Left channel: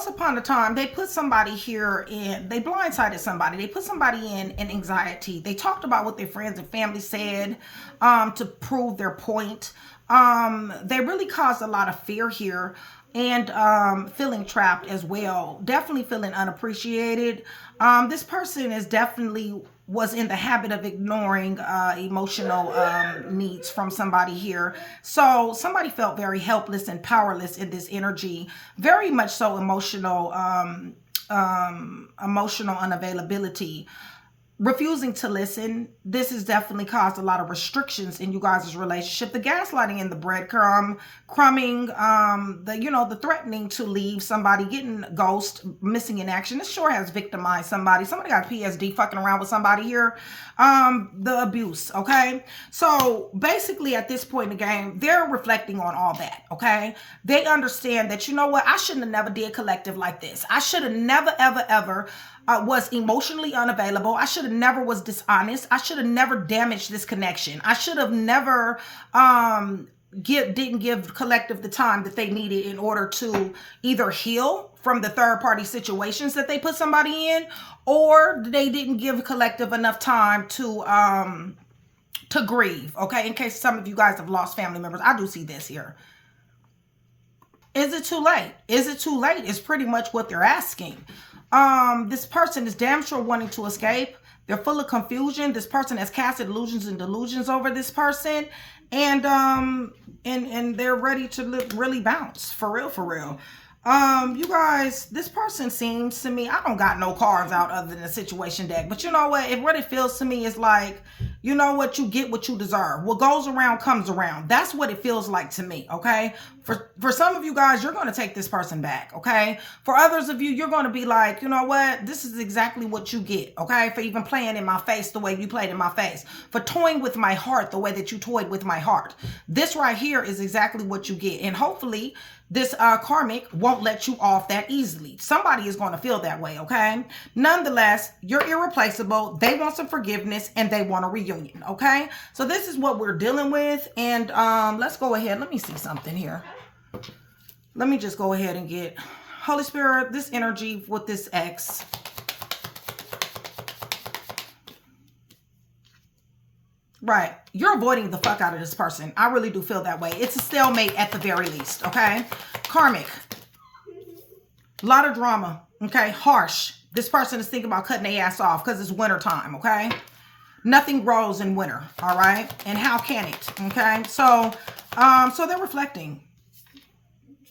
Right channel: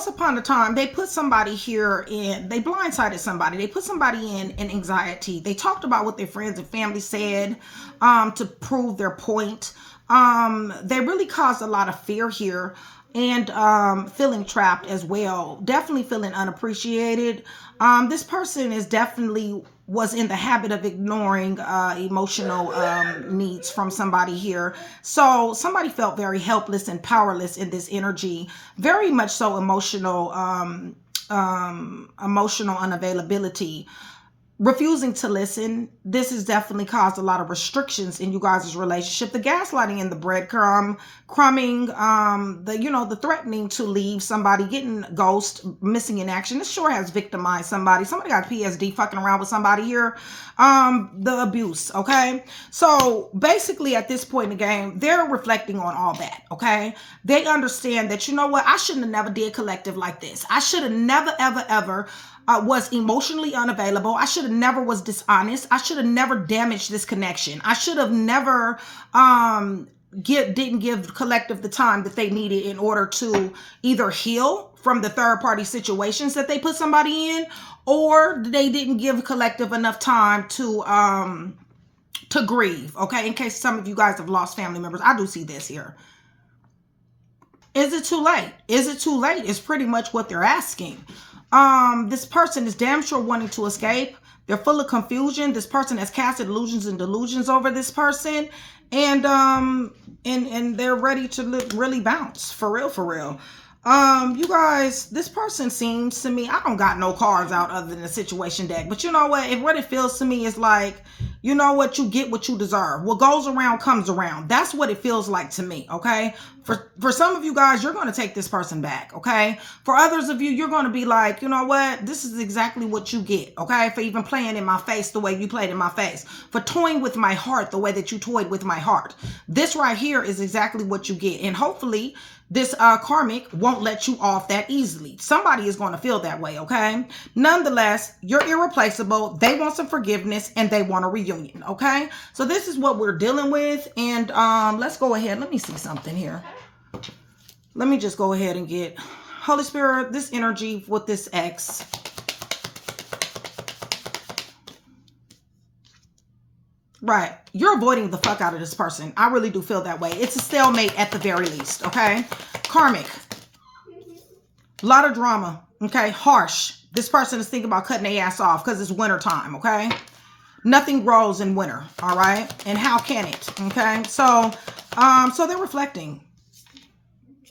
once upon a time, they put somebody here in, they blindsided somebody. They put somebody in anxiety. They talked about what their friends and family said to prove their point. They really caused a lot of fear here, and feeling trapped as well. Definitely feeling unappreciated. This person is definitely was in the habit of ignoring emotional needs from somebody here. So somebody felt very helpless and powerless in this energy. Very much so emotional, emotional unavailability. Refusing to listen. This has definitely caused a lot of restrictions in you guys' relationship. The gaslighting and the breadcrumbing, the threatening to leave somebody, getting ghost, missing in action. This sure has victimized somebody. Somebody got PSD fucking around with somebody here. The abuse, okay? So basically at this point in the game, they're reflecting on all that, okay? They understand that, you know what, I shouldn't have never did collective like this. I should have never, ever was emotionally unavailable. I should have never was dishonest. I should have never damaged this connection. I should have never didn't give collective the time that they needed in order to either heal from the third party situations that they put somebody in, or they didn't give collective enough time to grieve. Okay, in case some of you guys have lost family members, I do see this here. Is it too late? Is it too late? Is pretty much what they're asking. This person is damn sure wanting to escape. They're full of confusion. This person has casted illusions and delusions over this person, and they're ready to really bounce for real. You guys, this person seems to me, I don't got no cards out other than the situation deck, but you know what, what it feels to me is like, you know what, you get what you deserve. What goes around comes around. That's what it feels like to me, okay? For some of you guys, you're going to take this person back, okay? For others of you, you're going to be like, you know what, this is exactly what you get, okay? For even playing in my face the way you played in my face. For toying with my heart the way that you toyed with my heart. This right here is exactly what you get. And hopefully, this karmic won't let you off that easily. Somebody is going to feel that way, okay? Nonetheless, you're irreplaceable. They want some forgiveness and they want a reunion, okay? So this is what we're dealing with. And let's go ahead. Let me see something here. Let me just go ahead and get Holy Spirit, this energy with this ex. Right. You're avoiding the fuck out of this person. I really do feel that way. It's a stalemate at the very least, okay? Karmic. A lot of drama, okay? Harsh. This person is thinking about cutting their ass off because it's winter time, okay? Nothing grows in winter, all right? And how can it, okay? So they're reflecting.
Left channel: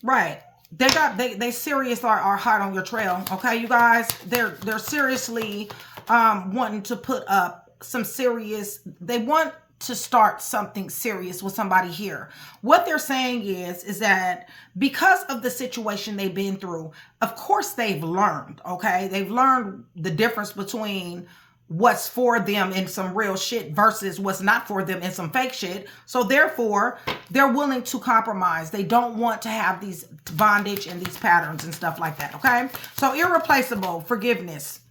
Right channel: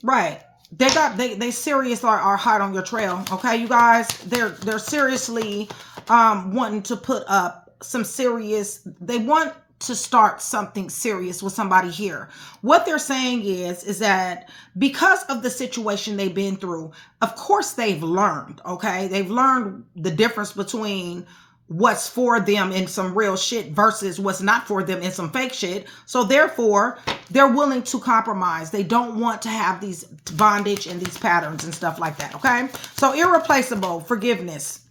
Right. They serious are hot on your trail, okay, you guys? They're seriously wanting to put up some serious, they want to start something serious with somebody here. What they're saying is that because of the situation they've been through, of course they've learned, okay? They've learned the difference between what's for them in some real shit versus what's not for them in some fake shit. So therefore, they're willing to compromise. They don't want to have these bondage and these patterns and stuff like that, okay? So irreplaceable, forgiveness.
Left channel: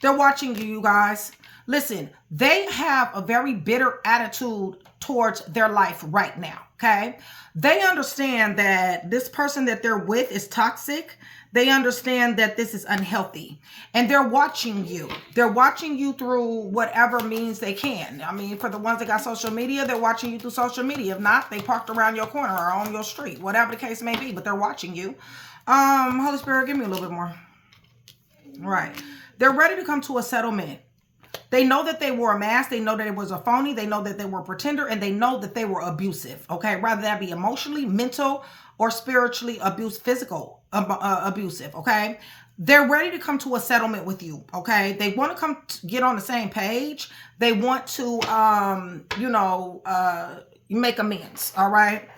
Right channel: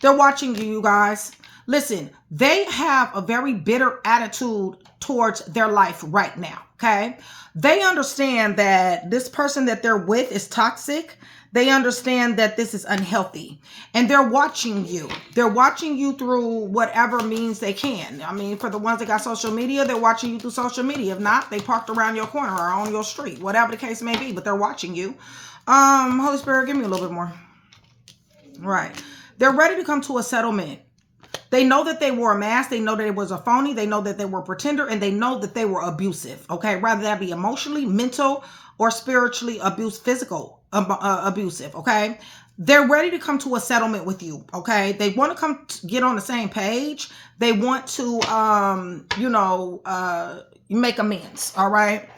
They're watching you, you guys. Listen, they have a very bitter attitude towards their life right now, okay? They understand that this person that they're with is toxic. They understand that this is unhealthy. And they're watching you. They're watching you through whatever means they can. I mean, for the ones that got social media, they're watching you through social media. If not, they parked around your corner or on your street, whatever the case may be, but they're watching you. Holy Spirit, give me a little bit more. Right. They're ready to come to a settlement. They know that they wore a mask. They know that it was a phony. They know that they were a pretender, and they know that they were abusive. Okay, rather that be emotionally, mental, or spiritually physical abusive. Okay, they're ready to come to a settlement with you. Okay, they want to come get on the same page. They want to, make amends. All right.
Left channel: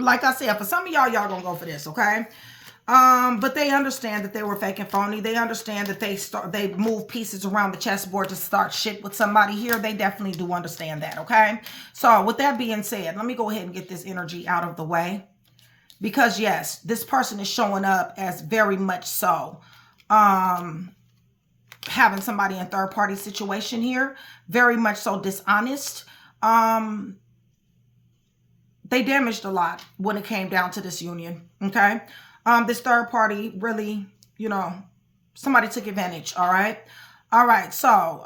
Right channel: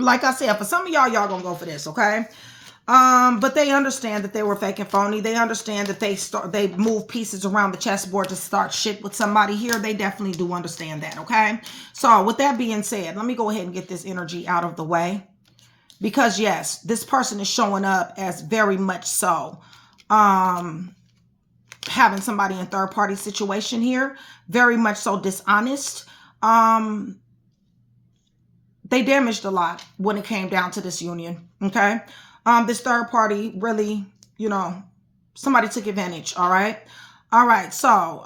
Like I said, for some of y'all gonna go for this. Okay. But they understand that they were fake and phony. They understand that they move pieces around the chessboard to start shit with somebody here. They definitely do understand that, okay? So with that being said, let me go ahead and get this energy out of the way. Because yes, this person is showing up as very much so having somebody in third party situation here. Very much so dishonest. They damaged a lot when it came down to this union, okay? This third party really, you know, somebody took advantage. All right. All right. So,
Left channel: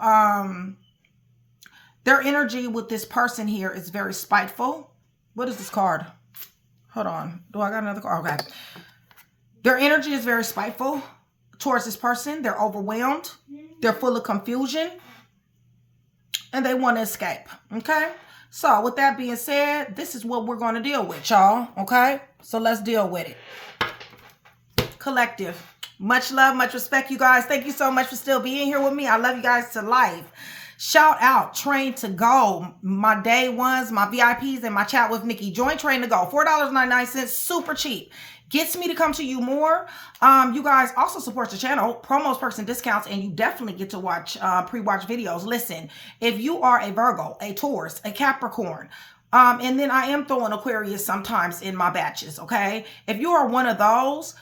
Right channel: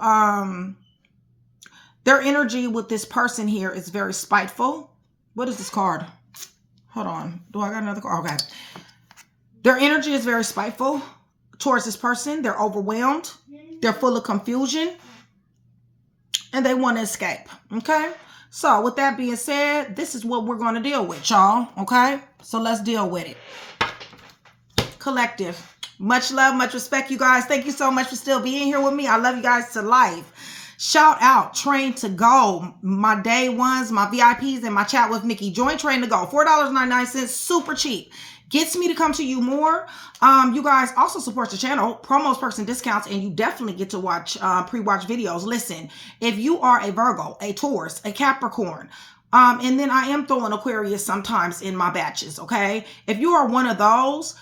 their energy with this person here is very spiteful. What is this card? Hold on. Do I got another card? Okay. Their energy is very spiteful towards this person. They're overwhelmed. They're full of confusion. And they want to escape. Okay. So with that being said, this is what we're going to deal with, y'all. Okay. So let's deal with it. Collective. Much love, much respect, you guys. Thank you so much for still being here with me. I love you guys to life. Shout out Train to Go, my day ones, my VIPs, and my chat with Nikki. Join Train to Go, $4.99, super cheap. Gets me to come to you more. You guys also support the channel, promos, perks, and discounts, and you definitely get to watch pre-watch videos. Listen, if you are a Virgo, a Taurus, a Capricorn, and then I am throwing Aquarius sometimes in my batches, okay? If you are one of those,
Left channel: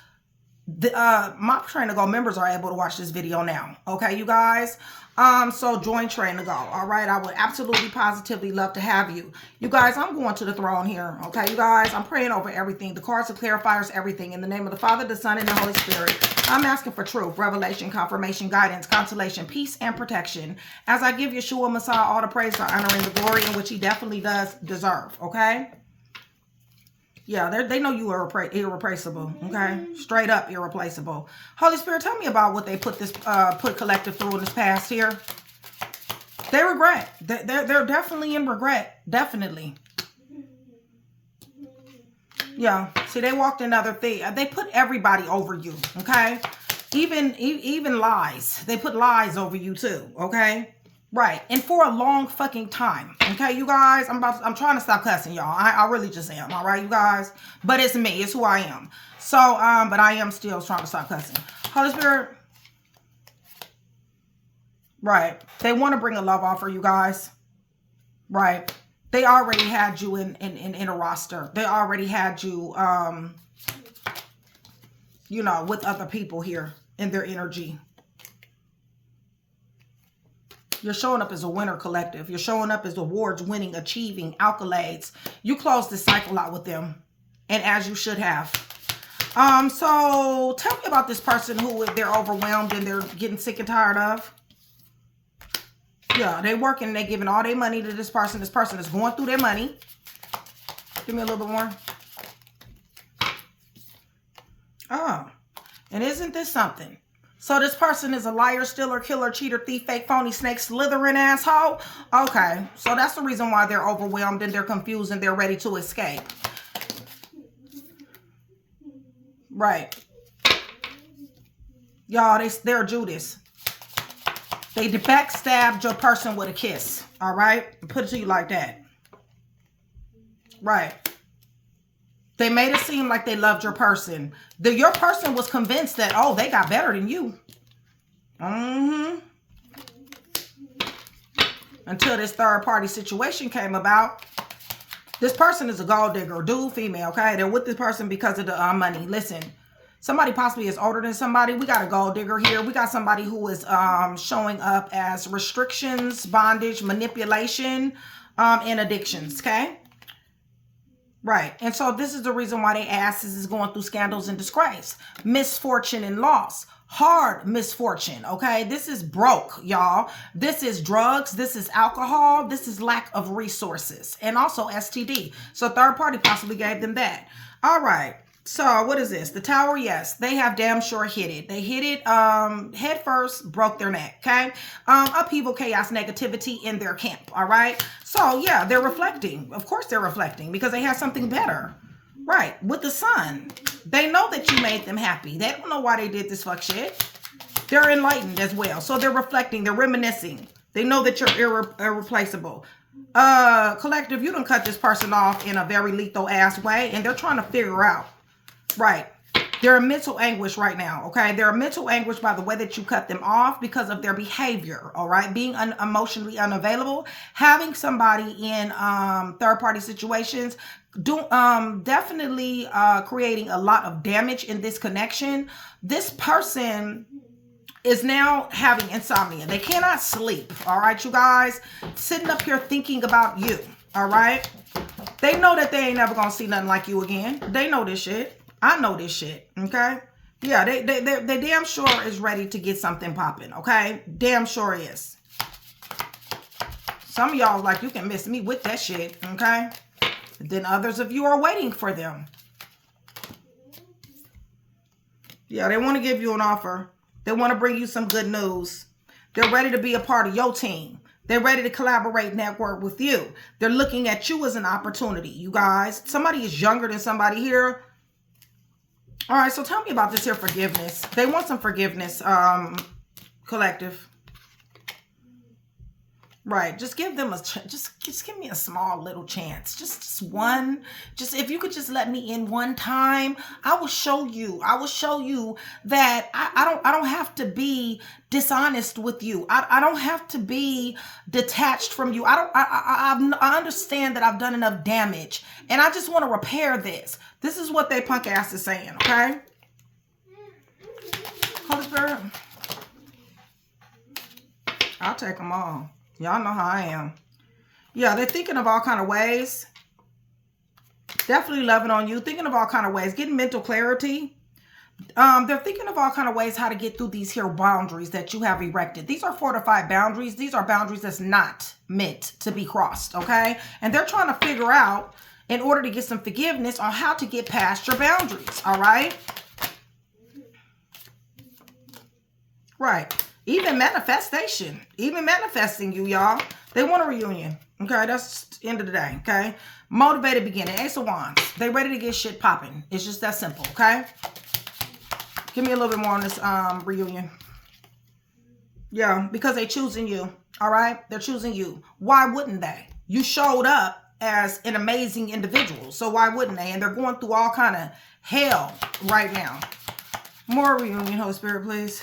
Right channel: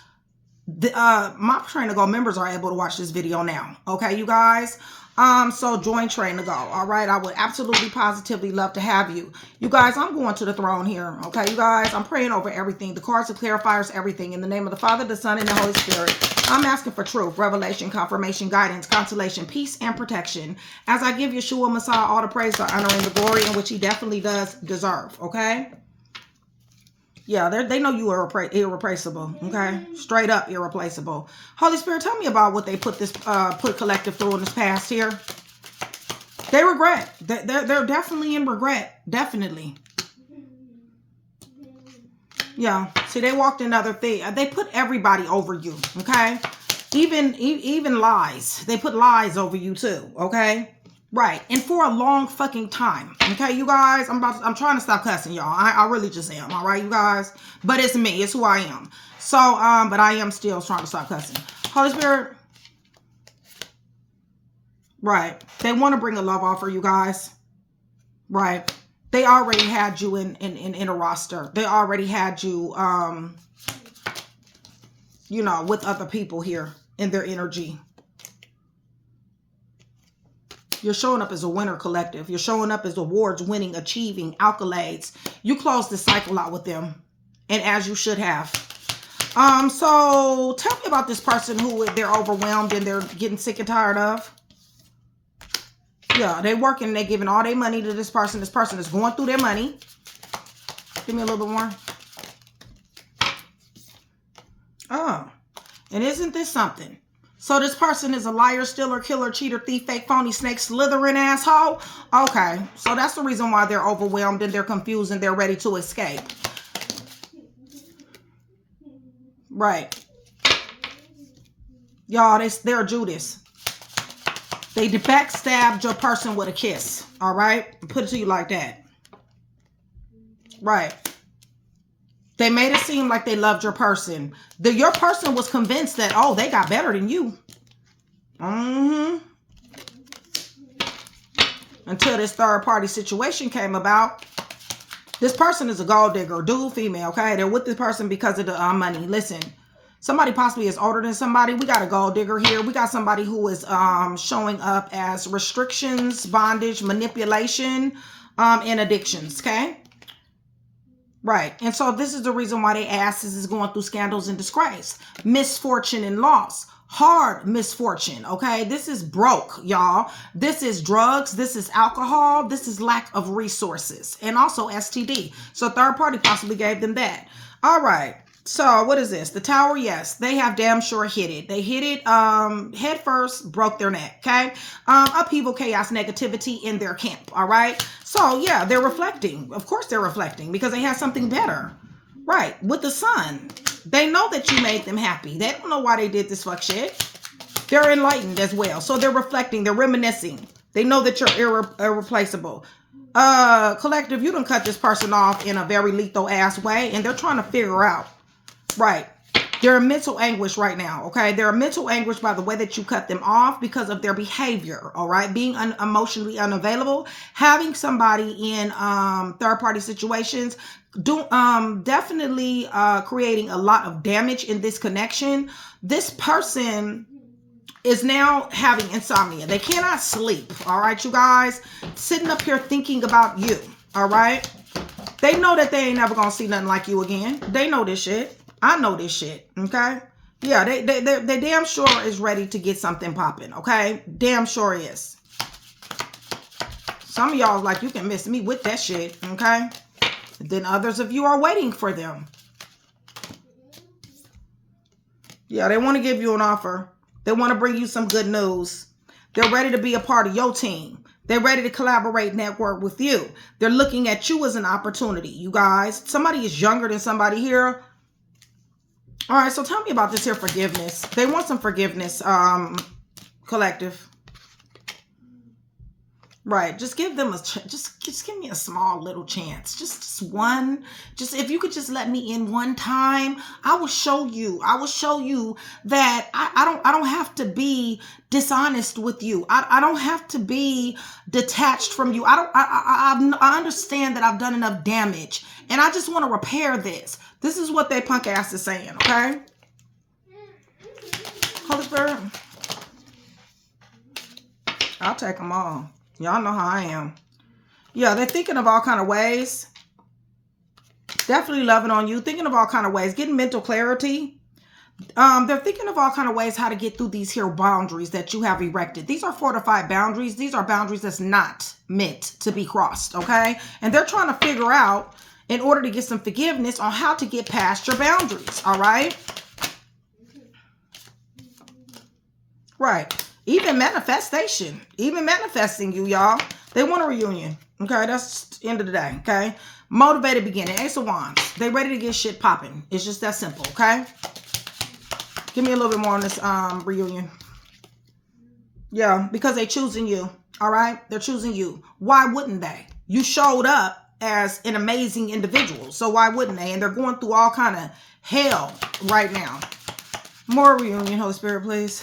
my Train to Go members are able to watch this video now, okay, you guys? So join Train to Go. All right. I would absolutely positively love to have you. You guys, I'm going to the throne here. Okay, you guys, I'm praying over everything. The cards are clarifiers, everything. In the name of the Father, the Son, and the Holy Spirit. I'm asking for truth, revelation, confirmation, guidance, consolation, peace, and protection. As I give Yeshua Messiah all the praise, the honor, and the glory in which he definitely does deserve. Okay. Yeah, they know you are irreplaceable, okay? Straight up irreplaceable. Holy Spirit, tell me about what they put collective through in this past here. They regret. They're definitely in regret. Definitely. Yeah. See, they walked another thing. They put everybody over you, okay? Even lies. They put lies over you too, okay? Right. And for a long fucking time. Okay, you guys, I'm trying to stop cussing, y'all. I really just am. All right, you guys. But it's me. It's who I am. So, but I am still trying to stop cussing. Holy Spirit. Right. They want to bring a love offer, you guys. Right. They already had you in a roster. They already had you, you know, with other people here in their energy. You're showing up as a winner, collective. You're showing up as awards winning, achieving, accolades. You closed this cycle out with them. And as you should have. So tell me about this person who they're overwhelmed and they're getting sick and tired of. Yeah, they're working and they're giving all their money to this person. This person is going through their money. Give me a little bit more. Oh, and isn't this something? So this person is a liar, stealer, killer, cheater, thief, fake, phony, snake, slithering asshole. Okay, so that's the reason why they're overwhelmed and they're confused and they're ready to escape. Right. Y'all, they're Judas. They backstabbed your person with a kiss. All right? Put it to you like that. Right. They made it seem like they loved your person. Your person was convinced that, oh, they got better than you. Until this third party situation came about. This person is a gold digger, dude, female, okay? They're with this person because of the money. Listen, somebody possibly is older than somebody. We got a gold digger here. We got somebody who is showing up as restrictions, bondage, manipulation, and addictions, okay? Right. And so this is the reason why their asses is going through scandals and disgrace, misfortune and loss, hard misfortune. Okay. This is broke, y'all. This is drugs. This is alcohol. This is lack of resources and also STD. So third party possibly gave them that. All right. So what is this? The tower? Yes, they have damn sure hit it. They hit it head first, broke their neck. Okay. Upheaval, chaos, negativity in their camp. All right. So yeah, they're reflecting. Of course they're reflecting because they have something better. Right. With the sun. They know that you made them happy. They don't know why they did this fuck shit. They're enlightened as well. So they're reflecting. They're reminiscing. They know that you're irreplaceable. Collective, you done cut this person off in a very lethal ass way. And they're trying to figure out. Right. They're in mental anguish right now. Okay. They're in mental anguish by the way that you cut them off because of their behavior. All right. Being emotionally unavailable, having somebody in third party situations, definitely creating a lot of damage in this connection. This person is now having insomnia. They cannot sleep. All right, you guys, sitting up here thinking about you. All right. They know that they ain't never going to see nothing like you again. They know this shit. I know this shit, okay? Yeah, they damn sure is ready to get something popping, okay? Damn sure is. Some of y'all like, you can miss me with that shit, okay? Then others of you are waiting for them. Yeah, they want to give you an offer. They want to bring you some good news. They're ready to be a part of your team. They're ready to collaborate, network with you. They're looking at you as an opportunity, you guys. Somebody is younger than somebody here. All right, so tell me about this here forgiveness. They want some forgiveness, collective. Right, just give them a just give me a small little chance. Just one. Just if you could just let me in one time, I will show you. I will show you that I don't have to be dishonest with you. I don't have to be detached from you. I understand that I've done enough damage, and I just want to repair this. This is what they punk ass is saying, okay? Holy Spirit, I'll take them all. Y'all know how I am. Yeah, they're thinking of all kind of ways. Definitely loving on you. Thinking of all kind of ways. Getting mental clarity. They're thinking of all kind of ways how to get through these here boundaries that you have erected. These are fortified boundaries. These are boundaries that's not meant to be crossed, okay? And they're trying to figure out, in order to get some forgiveness, on how to get past your boundaries, all right? Right. Even manifestation, even manifesting you, y'all. They want a reunion. Okay, that's the end of the day. Okay, motivated beginning. Ace of Wands. They ready to get shit popping. It's just that simple. Okay. Give me a little bit more on this reunion. Yeah, because they choosing you. All right, they're choosing you. Why wouldn't they? You showed up as an amazing individual, so why wouldn't they? And they're going through all kind of hell right now. More reunion, Holy Spirit, please.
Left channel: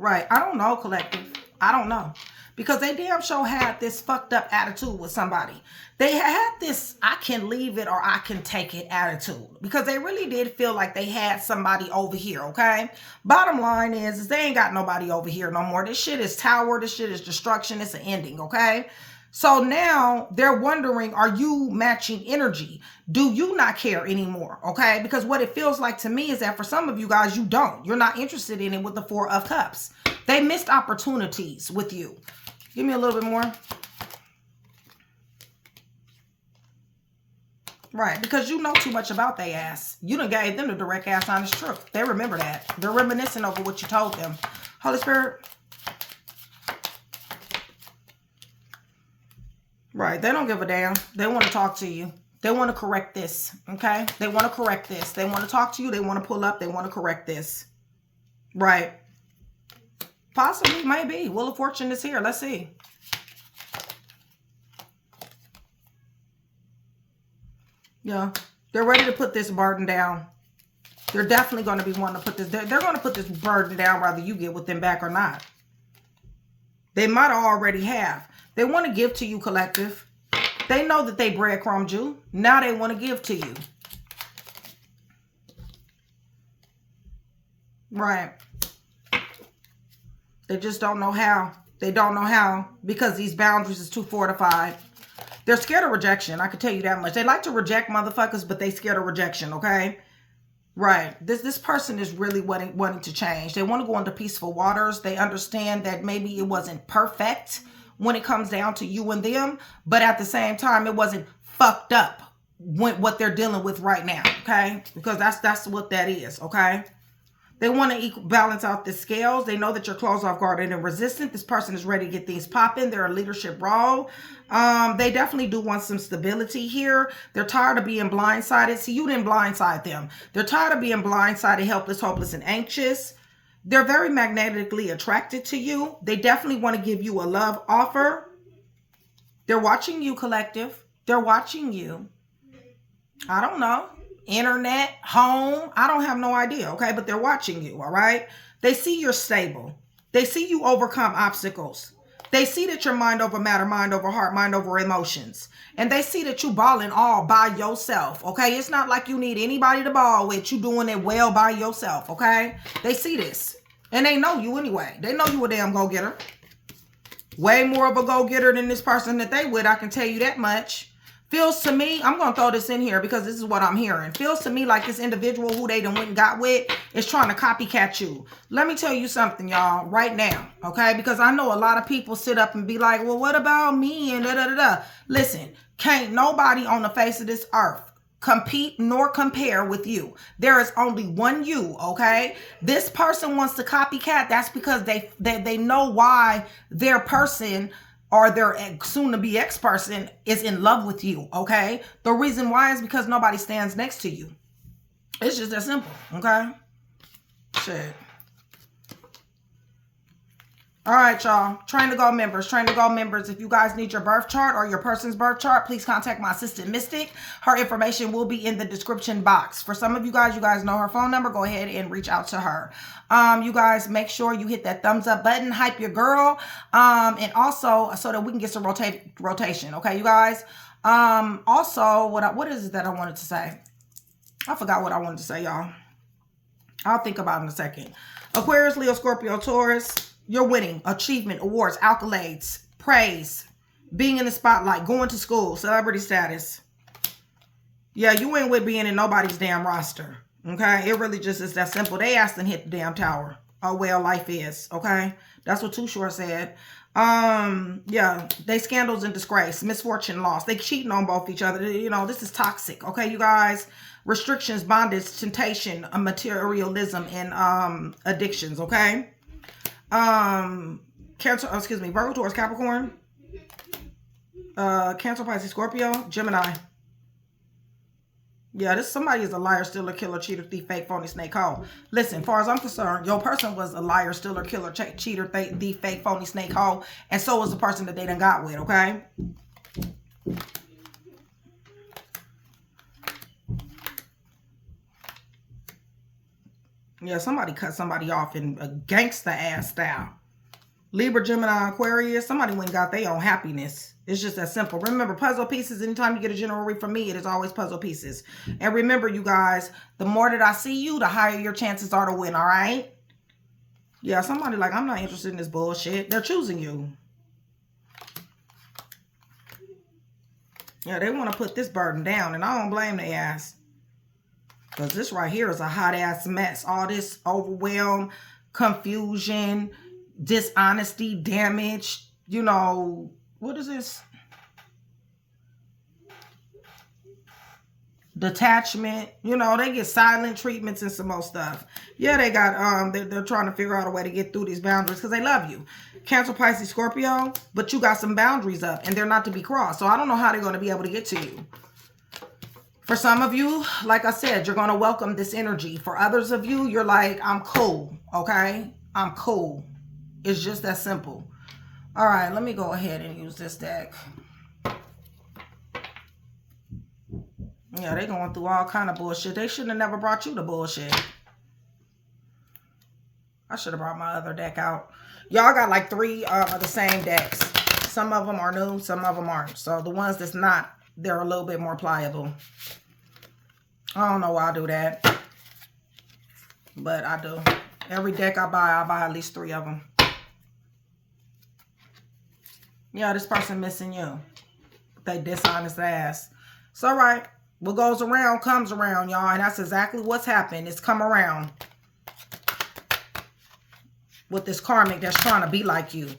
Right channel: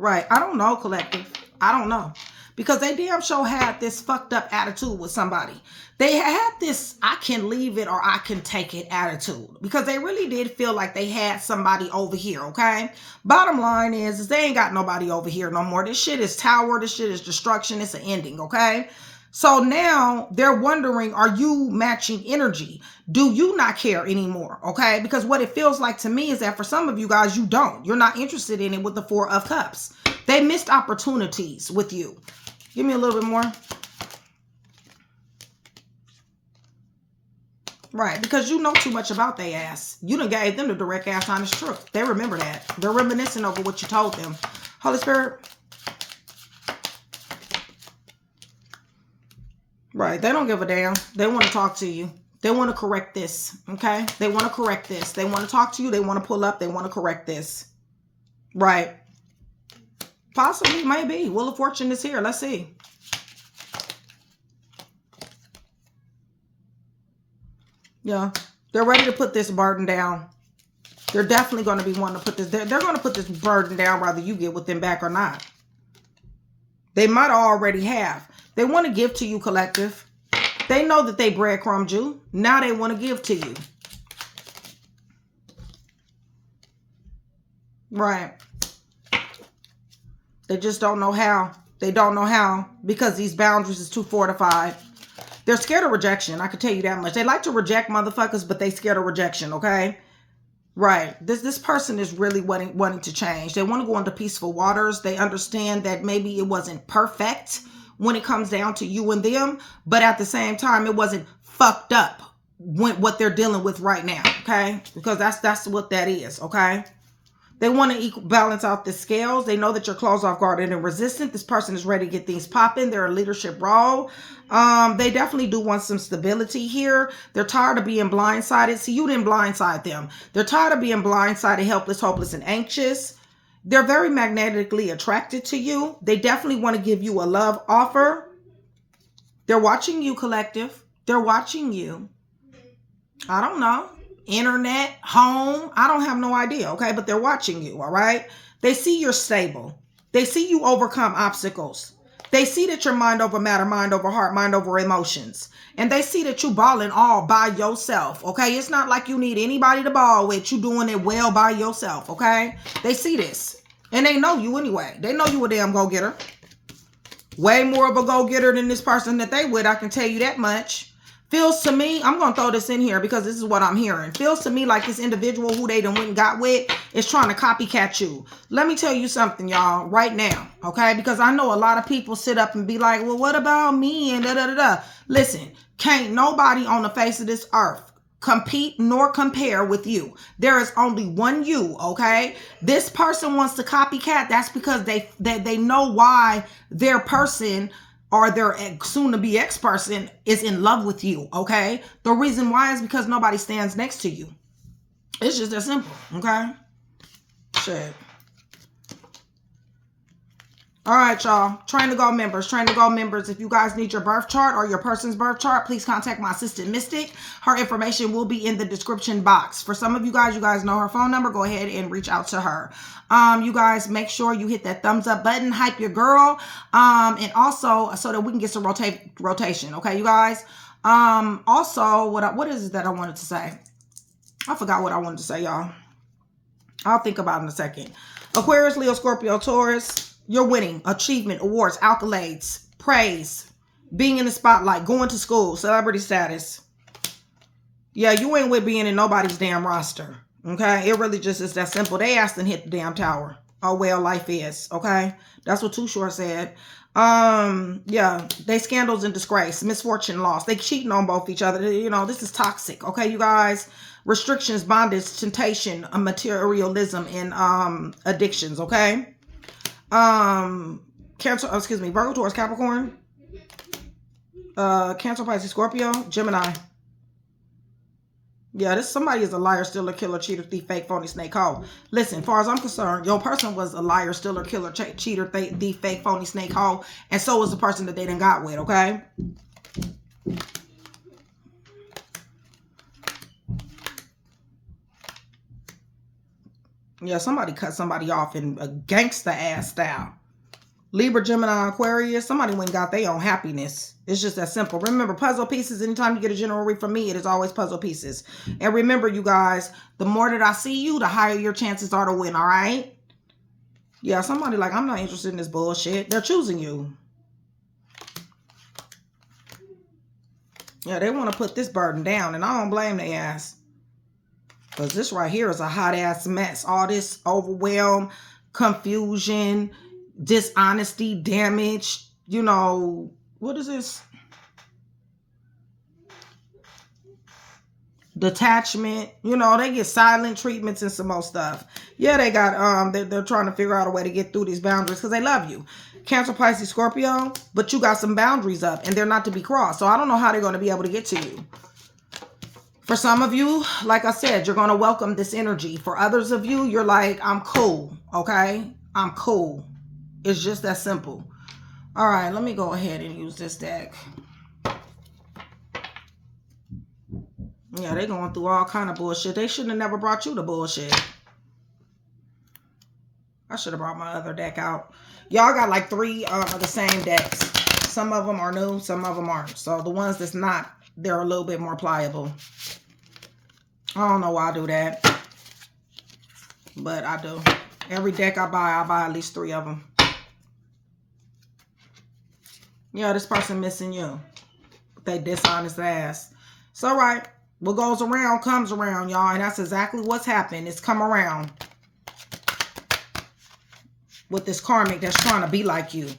Right. I don't know, collective. I don't know. Because they damn sure had this fucked up attitude with somebody. They had this, I can leave it or I can take it attitude. Because they really did feel like they had somebody over here, okay? Bottom line is they ain't got nobody over here no more. This shit is tower. This shit is destruction. It's an ending, okay? So now they're wondering, are you matching energy? Do you not care anymore? Okay. Because what it feels like to me is that for some of you guys, you don't. You're not interested in it with the Four of Cups. They missed opportunities with you. Give me a little bit more. Right. Because you know too much about their ass. You done gave them the direct ass honest truth. They remember that. They're reminiscing over what you told them. Holy Spirit. Right. They don't give a damn. They want to talk to you. They want to correct this. Okay. They want to correct this. They want to talk to you. They want to pull up. They want to correct this. Right. Possibly. Maybe. Wheel of Fortune is here. Let's see. Yeah. They're ready to put this burden down. They're definitely going to be wanting to put this. They're going to put this burden down whether you get with them back or not. They might already have. They want to give to you, collective. They know that they breadcrumbed you. Now they want to give to you. Right. They just don't know how. They don't know how because these boundaries is too fortified. They're scared of rejection. I can tell you that much. They like to reject motherfuckers, but they scared of rejection, okay? Right. This person is really wanting to change. They want to go into peaceful waters. They understand that maybe it wasn't perfect when it comes down to you and them, but at the same time, it wasn't fucked up when what they're dealing with right now, okay? Because that's what that is, okay? They want to balance out the scales. They know that you're closed off guard and resistant. This person is ready to get things popping. They're a leadership role. They definitely do want some stability here. They're tired of being blindsided. See, you didn't blindside them. They're tired of being blindsided, helpless, hopeless, and anxious. They're very magnetically attracted to you. They definitely want to give you a love offer. They're watching you, collective. They're watching you. I don't know. Internet, home. I don't have no idea, okay? But they're watching you, all right? They see you're stable. They see you overcome obstacles. They see that you're mind over matter, mind over heart, mind over emotions. And they see that you balling all by yourself, okay? It's not like you need anybody to ball with. You doing it well by yourself, okay? They see this. And they know you anyway. They know you a damn go-getter. Way more of a go-getter than this person that they with, I can tell you that much. Feels to me, I'm going to throw this in here because this is what I'm hearing. Feels to me like this individual who they done went and got with is trying to copycat you. Let me tell you something, y'all, right now, okay? Because I know a lot of people sit up and be like, well, what about me? And da-da-da-da. Listen, can't nobody on the face of this earth compete nor compare with you. There is only one you, okay? This person wants to copycat. That's because they know why their person or their soon-to-be ex-person is in love with you, okay? The reason why is because nobody stands next to you. It's just that simple, okay? Shit. All right, y'all. Train to Go members. Train to Go members. If you guys need your birth chart or your person's birth chart, please contact my assistant mystic. Her information will be in the description box. For some of you guys know her phone number. Go ahead and reach out to her. You guys make sure you hit that thumbs up button. Hype your girl. And also so that we can get some rotation. Okay, you guys. Also, what is it that I wanted to say? I forgot what I wanted to say, y'all. I'll think about it in a second. Aquarius, Leo, Scorpio, Taurus. You're winning, achievement, awards, accolades, praise, being in the spotlight, going to school, celebrity status. Yeah, you ain't with being in nobody's damn roster, okay? It really just is that simple. They asked and hit the damn tower. Oh, well, life is, okay? That's what Too Short said. Yeah, they scandals and disgrace, misfortune, loss. They cheating on both each other. You know, this is toxic, okay, you guys? Restrictions, bondage, temptation, materialism, and addictions, okay? Cancer, excuse me, Virgo, Taurus, Capricorn, Cancer, Pisces, Scorpio, Gemini. Yeah, this somebody is a liar, stealer, killer, cheater, thief, fake, phony, snake, hoe. Listen, as far as I'm concerned, your person was a liar, stealer, killer, cheater, thief, fake, phony, snake, hoe, and so was the person that they done got with, okay? Yeah, somebody cut somebody off in a gangster ass style. Libra, Gemini, Aquarius, somebody went and got their own happiness. It's just that simple. Remember, puzzle pieces, anytime you get a general read from me, it is always puzzle pieces. And remember, you guys, the more that I see you, the higher your chances are to win, all right? Yeah, somebody like, I'm not interested in this bullshit. They're choosing you. Yeah, they want to put this burden down, and I don't blame their ass. Because this right here is a hot-ass mess. All this overwhelm, confusion, dishonesty, damage, you know, what is this? Detachment, you know, they get silent treatments and some more stuff. Yeah, they got, they're trying to figure out a way to get through these boundaries because they love you. Cancer, Pisces, Scorpio, but you got some boundaries up and they're not to be crossed. So I don't know how they're going to be able to get to you. For some of you, like I said, you're going to welcome this energy. For others of you, you're like, I'm cool, okay? I'm cool. It's just that simple. All right, let me go ahead and use this deck. Yeah, they going through all kind of bullshit. They shouldn't have never brought you the bullshit. I should have brought my other deck out. Y'all got like 3 of the same decks. Some of them are new, some of them aren't. So the ones that's not, they're a little bit more pliable. I don't know why I do that. But I do. Every deck I buy at least 3 of them. Yeah, this person missing you. They dishonest ass. It's all right. What goes around comes around, y'all. And that's exactly what's happened. It's come around. With this karmic that's trying to be like you.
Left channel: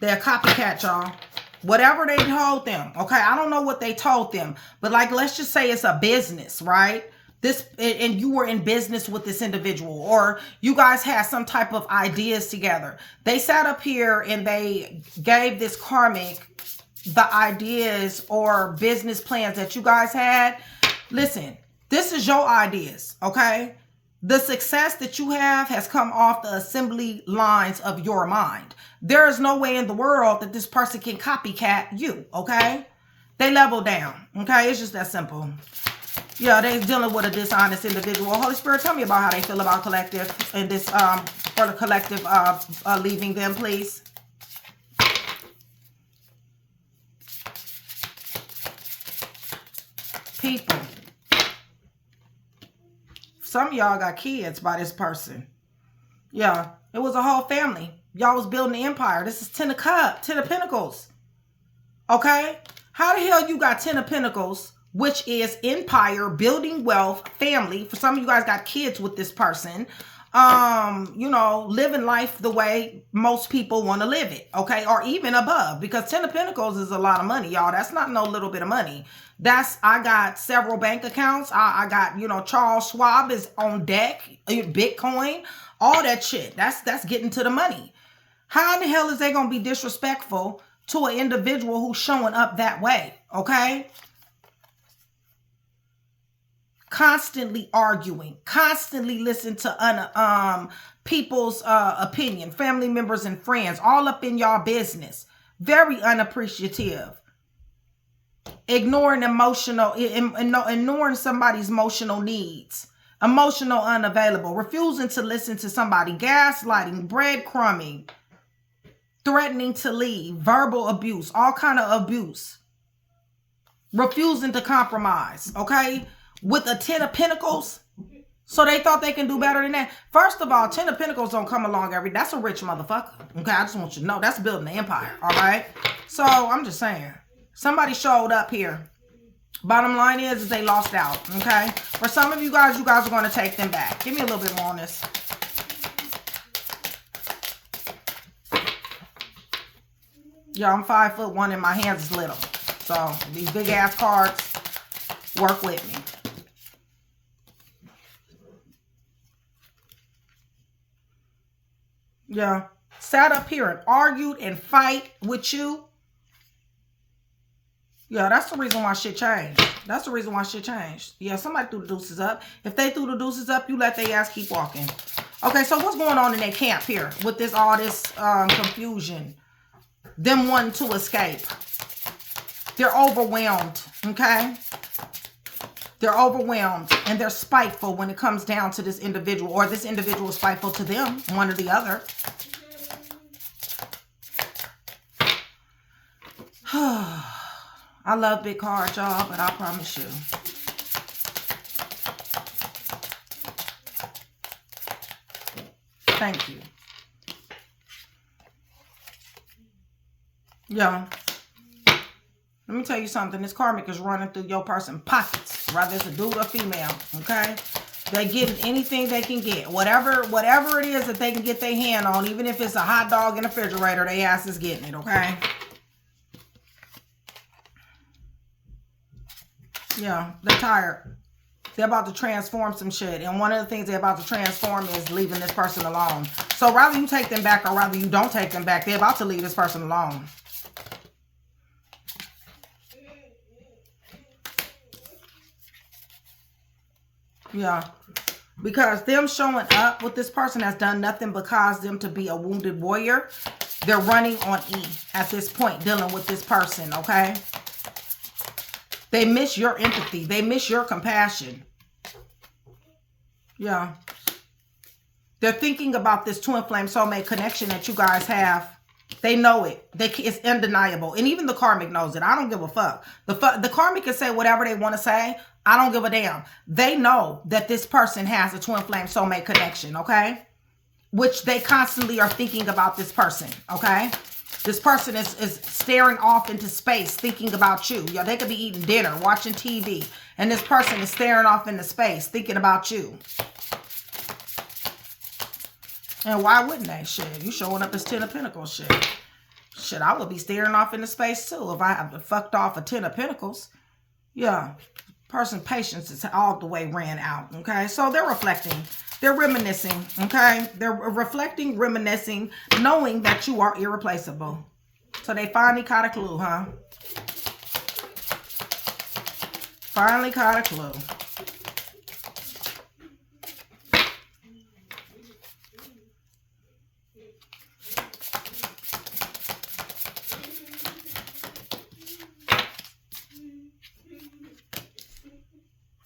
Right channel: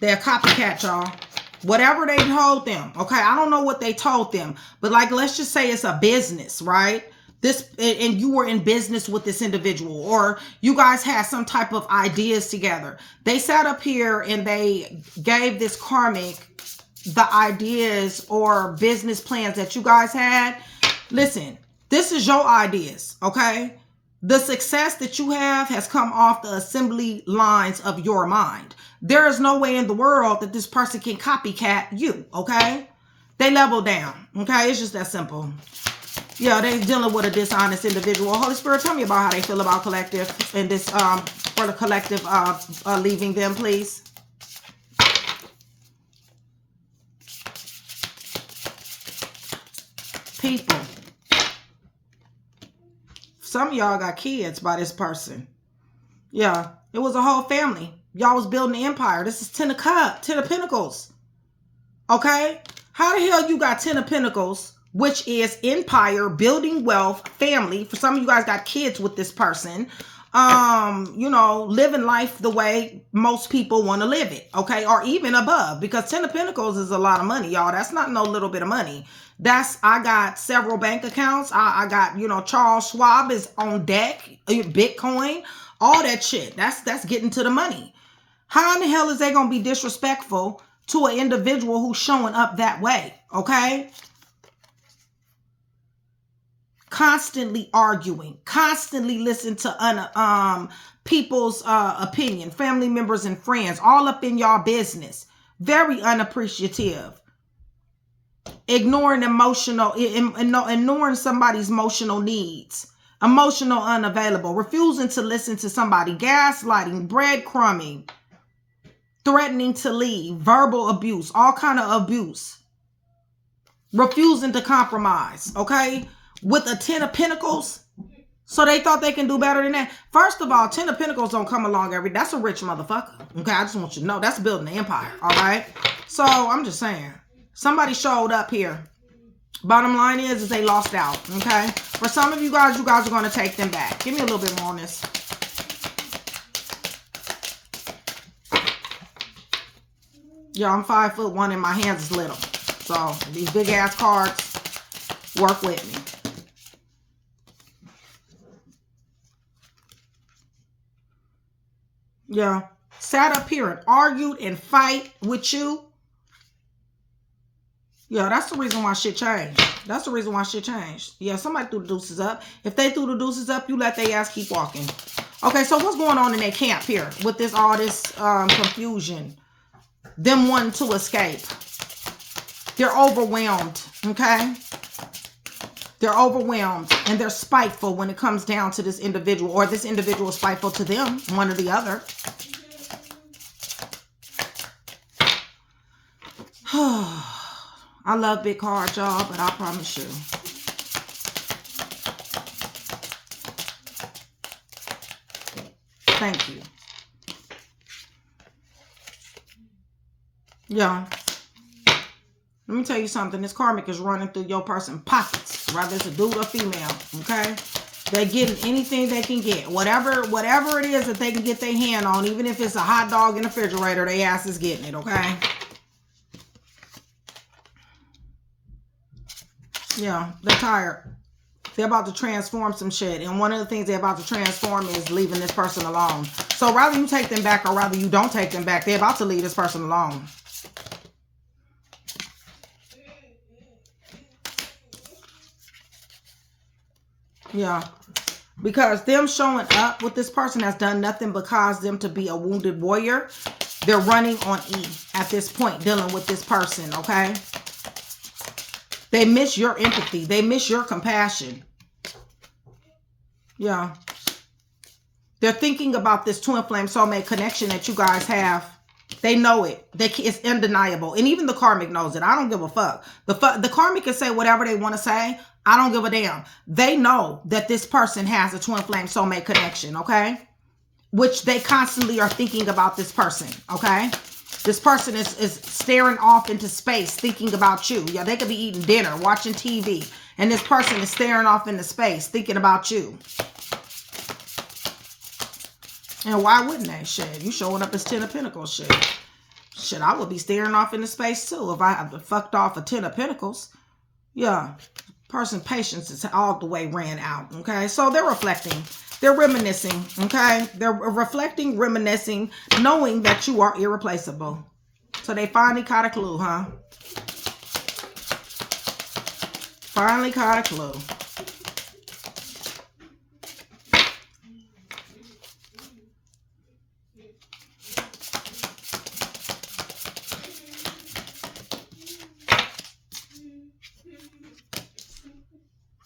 They're a copycat, y'all. Whatever they told them. Okay, I don't know what they told them. But like, let's just say it's a business, right? This, and you were in business with this individual, or you guys had some type of ideas together. They sat up here and they gave this karmic the ideas or business plans that you guys had. Listen, this is your ideas, okay? The success that you have has come off the assembly lines of your mind. There is no way in the world that this person can copycat you, okay? They level down, okay? It's just that simple. Yeah, they're dealing with a dishonest individual. Holy Spirit, tell me about how they feel about collective and this, for the collective leaving them, please. People. Some of y'all got kids by this person. Yeah, it was a whole family. Y'all was building an empire. This is 10 of Cups, 10 of Pentacles. Okay? How the hell you got 10 of Pentacles, which is empire, building wealth, family. For some of you guys got kids with this person. You know, living life the way most people want to live it, okay? Or even above, because 10 of Pentacles is a lot of money, y'all. That's not no little bit of money. I got several bank accounts. I got, you know, Charles Schwab is on deck, Bitcoin, all that shit. That's getting to the money. How in the hell is they going to be disrespectful to an individual who's showing up that way, okay? Constantly arguing, constantly listen to people's opinion, family members and friends, all up in y'all business. Very unappreciative. Ignoring ignoring somebody's emotional needs. Emotional unavailable. Refusing to listen to somebody. Gaslighting, breadcrumbing. Threatening to leave. Verbal abuse. All kind of abuse. Refusing to compromise. Okay? With a 10 of Pentacles. So they thought they can do better than that. First of all, 10 of Pentacles don't come along every day. That's a rich motherfucker. Okay? I just want you to know. That's building an empire. All right? So I'm just saying. Somebody showed up here. Bottom line is they lost out. Okay? For some of you guys are going to take them back. Give me a little bit more on this. Yeah, I'm 5'1" and my hands is little. So these big ass cards work with me. Yeah. Sat up here and argued and fight with you. Yeah, that's the reason why shit changed. That's the reason why shit changed. Yeah, somebody threw the deuces up. If they threw the deuces up, you let their ass keep walking. Okay, so what's going on in their camp here with all this confusion? Them wanting to escape. They're overwhelmed, okay? They're overwhelmed and they're spiteful when it comes down to this individual, or this individual is spiteful to them, one or the other. I love big cards, y'all, but I promise you. Thank you. Yeah. Let me tell you something. This karmic is running through your person's pockets, whether it's a dude or female, okay? They're getting anything they can get. Whatever it is that they can get their hand on, even if it's a hot dog in the refrigerator, their ass is getting it, okay? Yeah, they're tired. They're about to transform some shit. And one of the things they're about to transform is leaving this person alone. So rather you take them back or rather you don't take them back, they're about to leave this person alone. Yeah. Because them showing up with this person has done nothing but cause them to be a wounded warrior. They're running on E at this point, dealing with this person, okay? They miss your empathy. They miss your compassion. Yeah. They're thinking about this twin flame soulmate connection that you guys have. They know it. It's undeniable. And even the karmic knows it. I don't give a fuck. The karmic can say whatever they want to say. I don't give a damn. They know that this person has a twin flame soulmate connection, okay? Which they constantly are thinking about this person, okay? This person is staring off into space thinking about you. Yeah, they could be eating dinner, watching TV, and this person is staring off into space thinking about you. And why wouldn't they? Shit, you showing up as 10 of Pentacles, shit. Shit, I would be staring off into space too if I had fucked off a 10 of Pentacles. Yeah, person's patience is all the way ran out, okay? So they're reflecting. They're reminiscing, okay? They're reflecting, reminiscing, knowing that you are irreplaceable. So they finally caught a clue, huh? Finally caught a clue.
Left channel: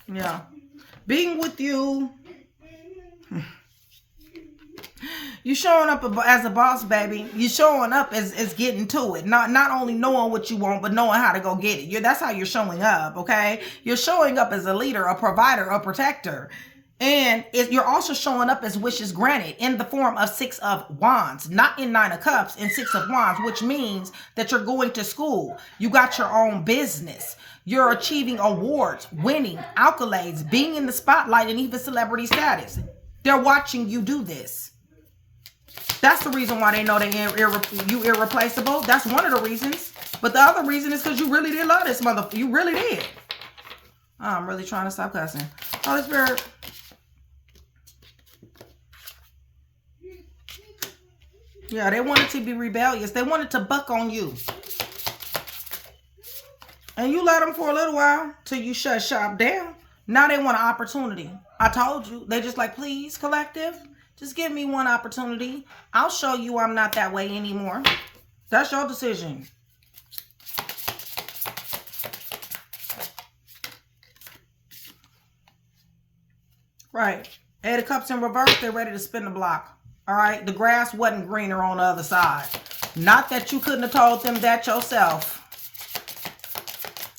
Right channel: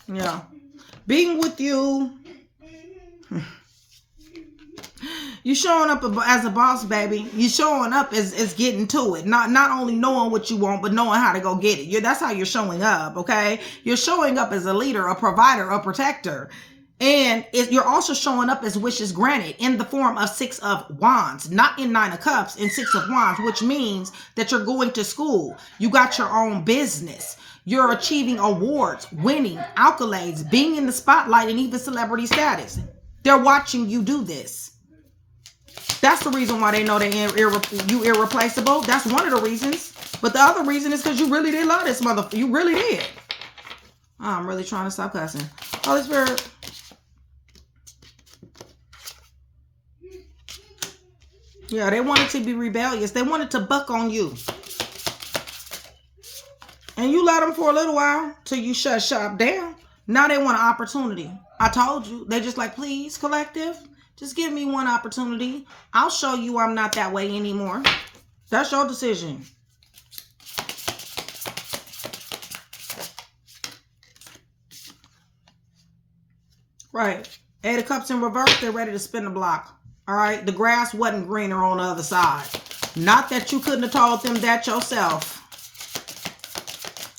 Yeah. Being with you. You showing up as a boss, baby. You showing up as getting to it. Not only knowing what you want, but knowing how to go get it. That's how you're showing up, okay? You're showing up as a leader, a provider, a protector. And you're also showing up as wishes granted in the form of 6 of Wands, not in 9 of Cups, in 6 of Wands, which means that you're going to school. You got your own business. You're achieving awards, winning, accolades, being in the spotlight, and even celebrity status. They're watching you do this. That's the reason why they know you irreplaceable. That's one of the reasons. But the other reason is because you really did love this motherfucker. You really did. I'm really trying to stop cussing. Holy Spirit. Yeah, they wanted to be rebellious. They wanted to buck on you. And you let them for a little while till you shut shop down. Now they want an opportunity. I told you. They just like, please, collective, just give me one opportunity. I'll show you I'm not that way anymore. That's your decision. Right. 8 of Cups in reverse. They're ready to spin the block. All right, the grass wasn't greener on the other side. Not that you couldn't have told them that yourself.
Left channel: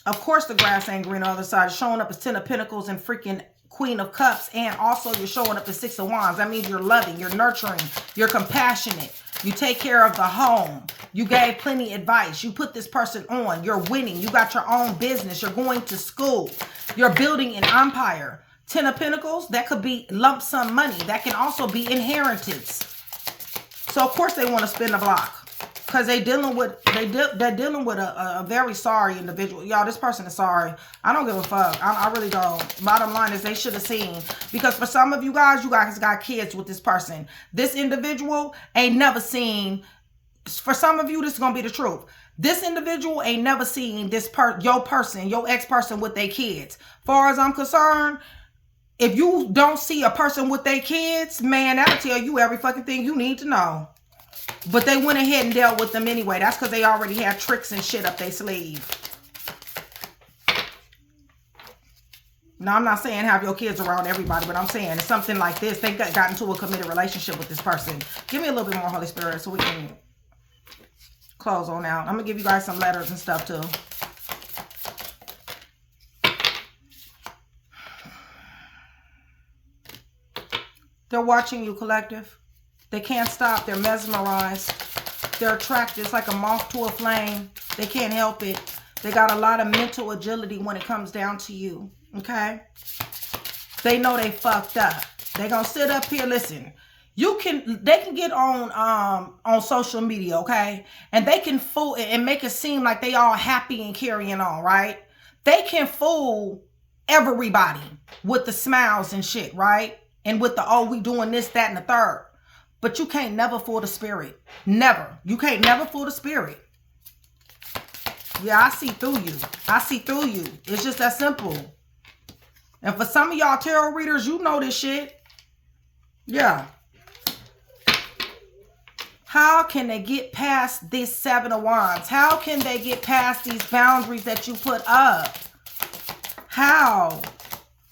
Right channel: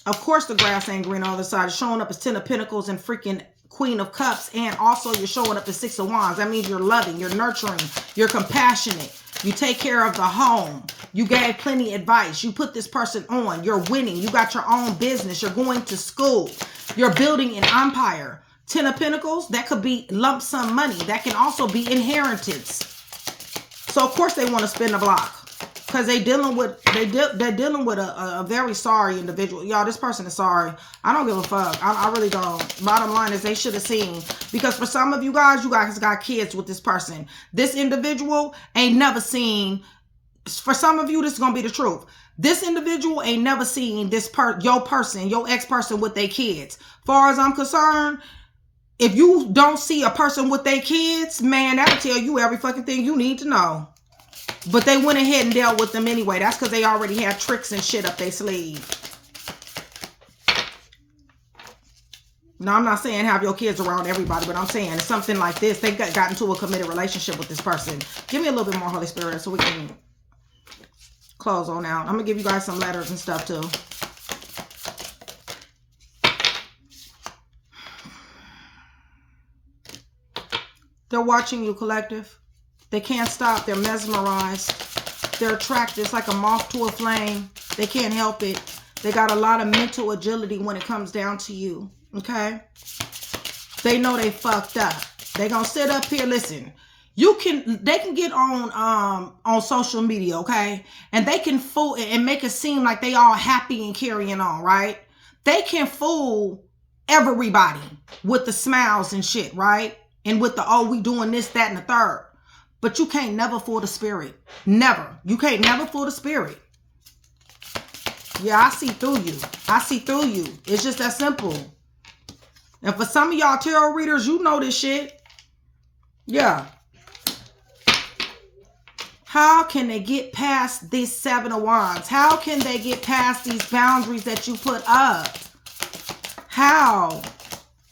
Of course the grass ain't green on the other side. It's showing up as 10 of Pentacles and freaking Queen of Cups. And also you're showing up as 6 of Wands. That means you're loving, you're nurturing, you're compassionate. You take care of the home. You gave plenty of advice. You put this person on. You're winning. You got your own business. You're going to school. You're building an empire. 10 of Pentacles, that could be lump sum money. That can also be inheritance. So of course they want to spin the block because they're dealing with a very sorry individual. Y'all, this person is sorry. I don't give a fuck. I really don't. Bottom line is they should have seen, because for some of you guys got kids with this person. This individual ain't never seen. For some of you, this is gonna be the truth. This individual ain't never seen your ex-person with their kids. Far as I'm concerned, if you don't see a person with their kids, man, that'll tell you every fucking thing you need to know. But they went ahead and dealt with them anyway. That's because they already had tricks and shit up their sleeve. Now, I'm not saying have your kids around everybody, but I'm saying it's something like this. They got into a committed relationship with this person. Give me a little bit more, Holy Spirit, so we can close on out. I'm going to give you guys some letters and stuff, too. They're watching you, collective. They can't stop. They're mesmerized. They're attracted. It's like a moth to a flame. They can't help it. They got a lot of mental agility when it comes down to you. Okay? They know they fucked up. They're going to sit up here. Listen, they can get on social media, okay? And they can fool and make it seem like they all happy and carrying on, right? They can fool everybody with the smiles and shit, right? And with the, oh, we doing this, that, and the third. But you can't never fool the spirit. Never. You can't never fool the spirit. Yeah, I see through you. I see through you. It's just that simple. And for some of y'all tarot readers, you know this shit. Yeah. How can they get past this 7 of Wands? How can they get past these boundaries that you put up? How?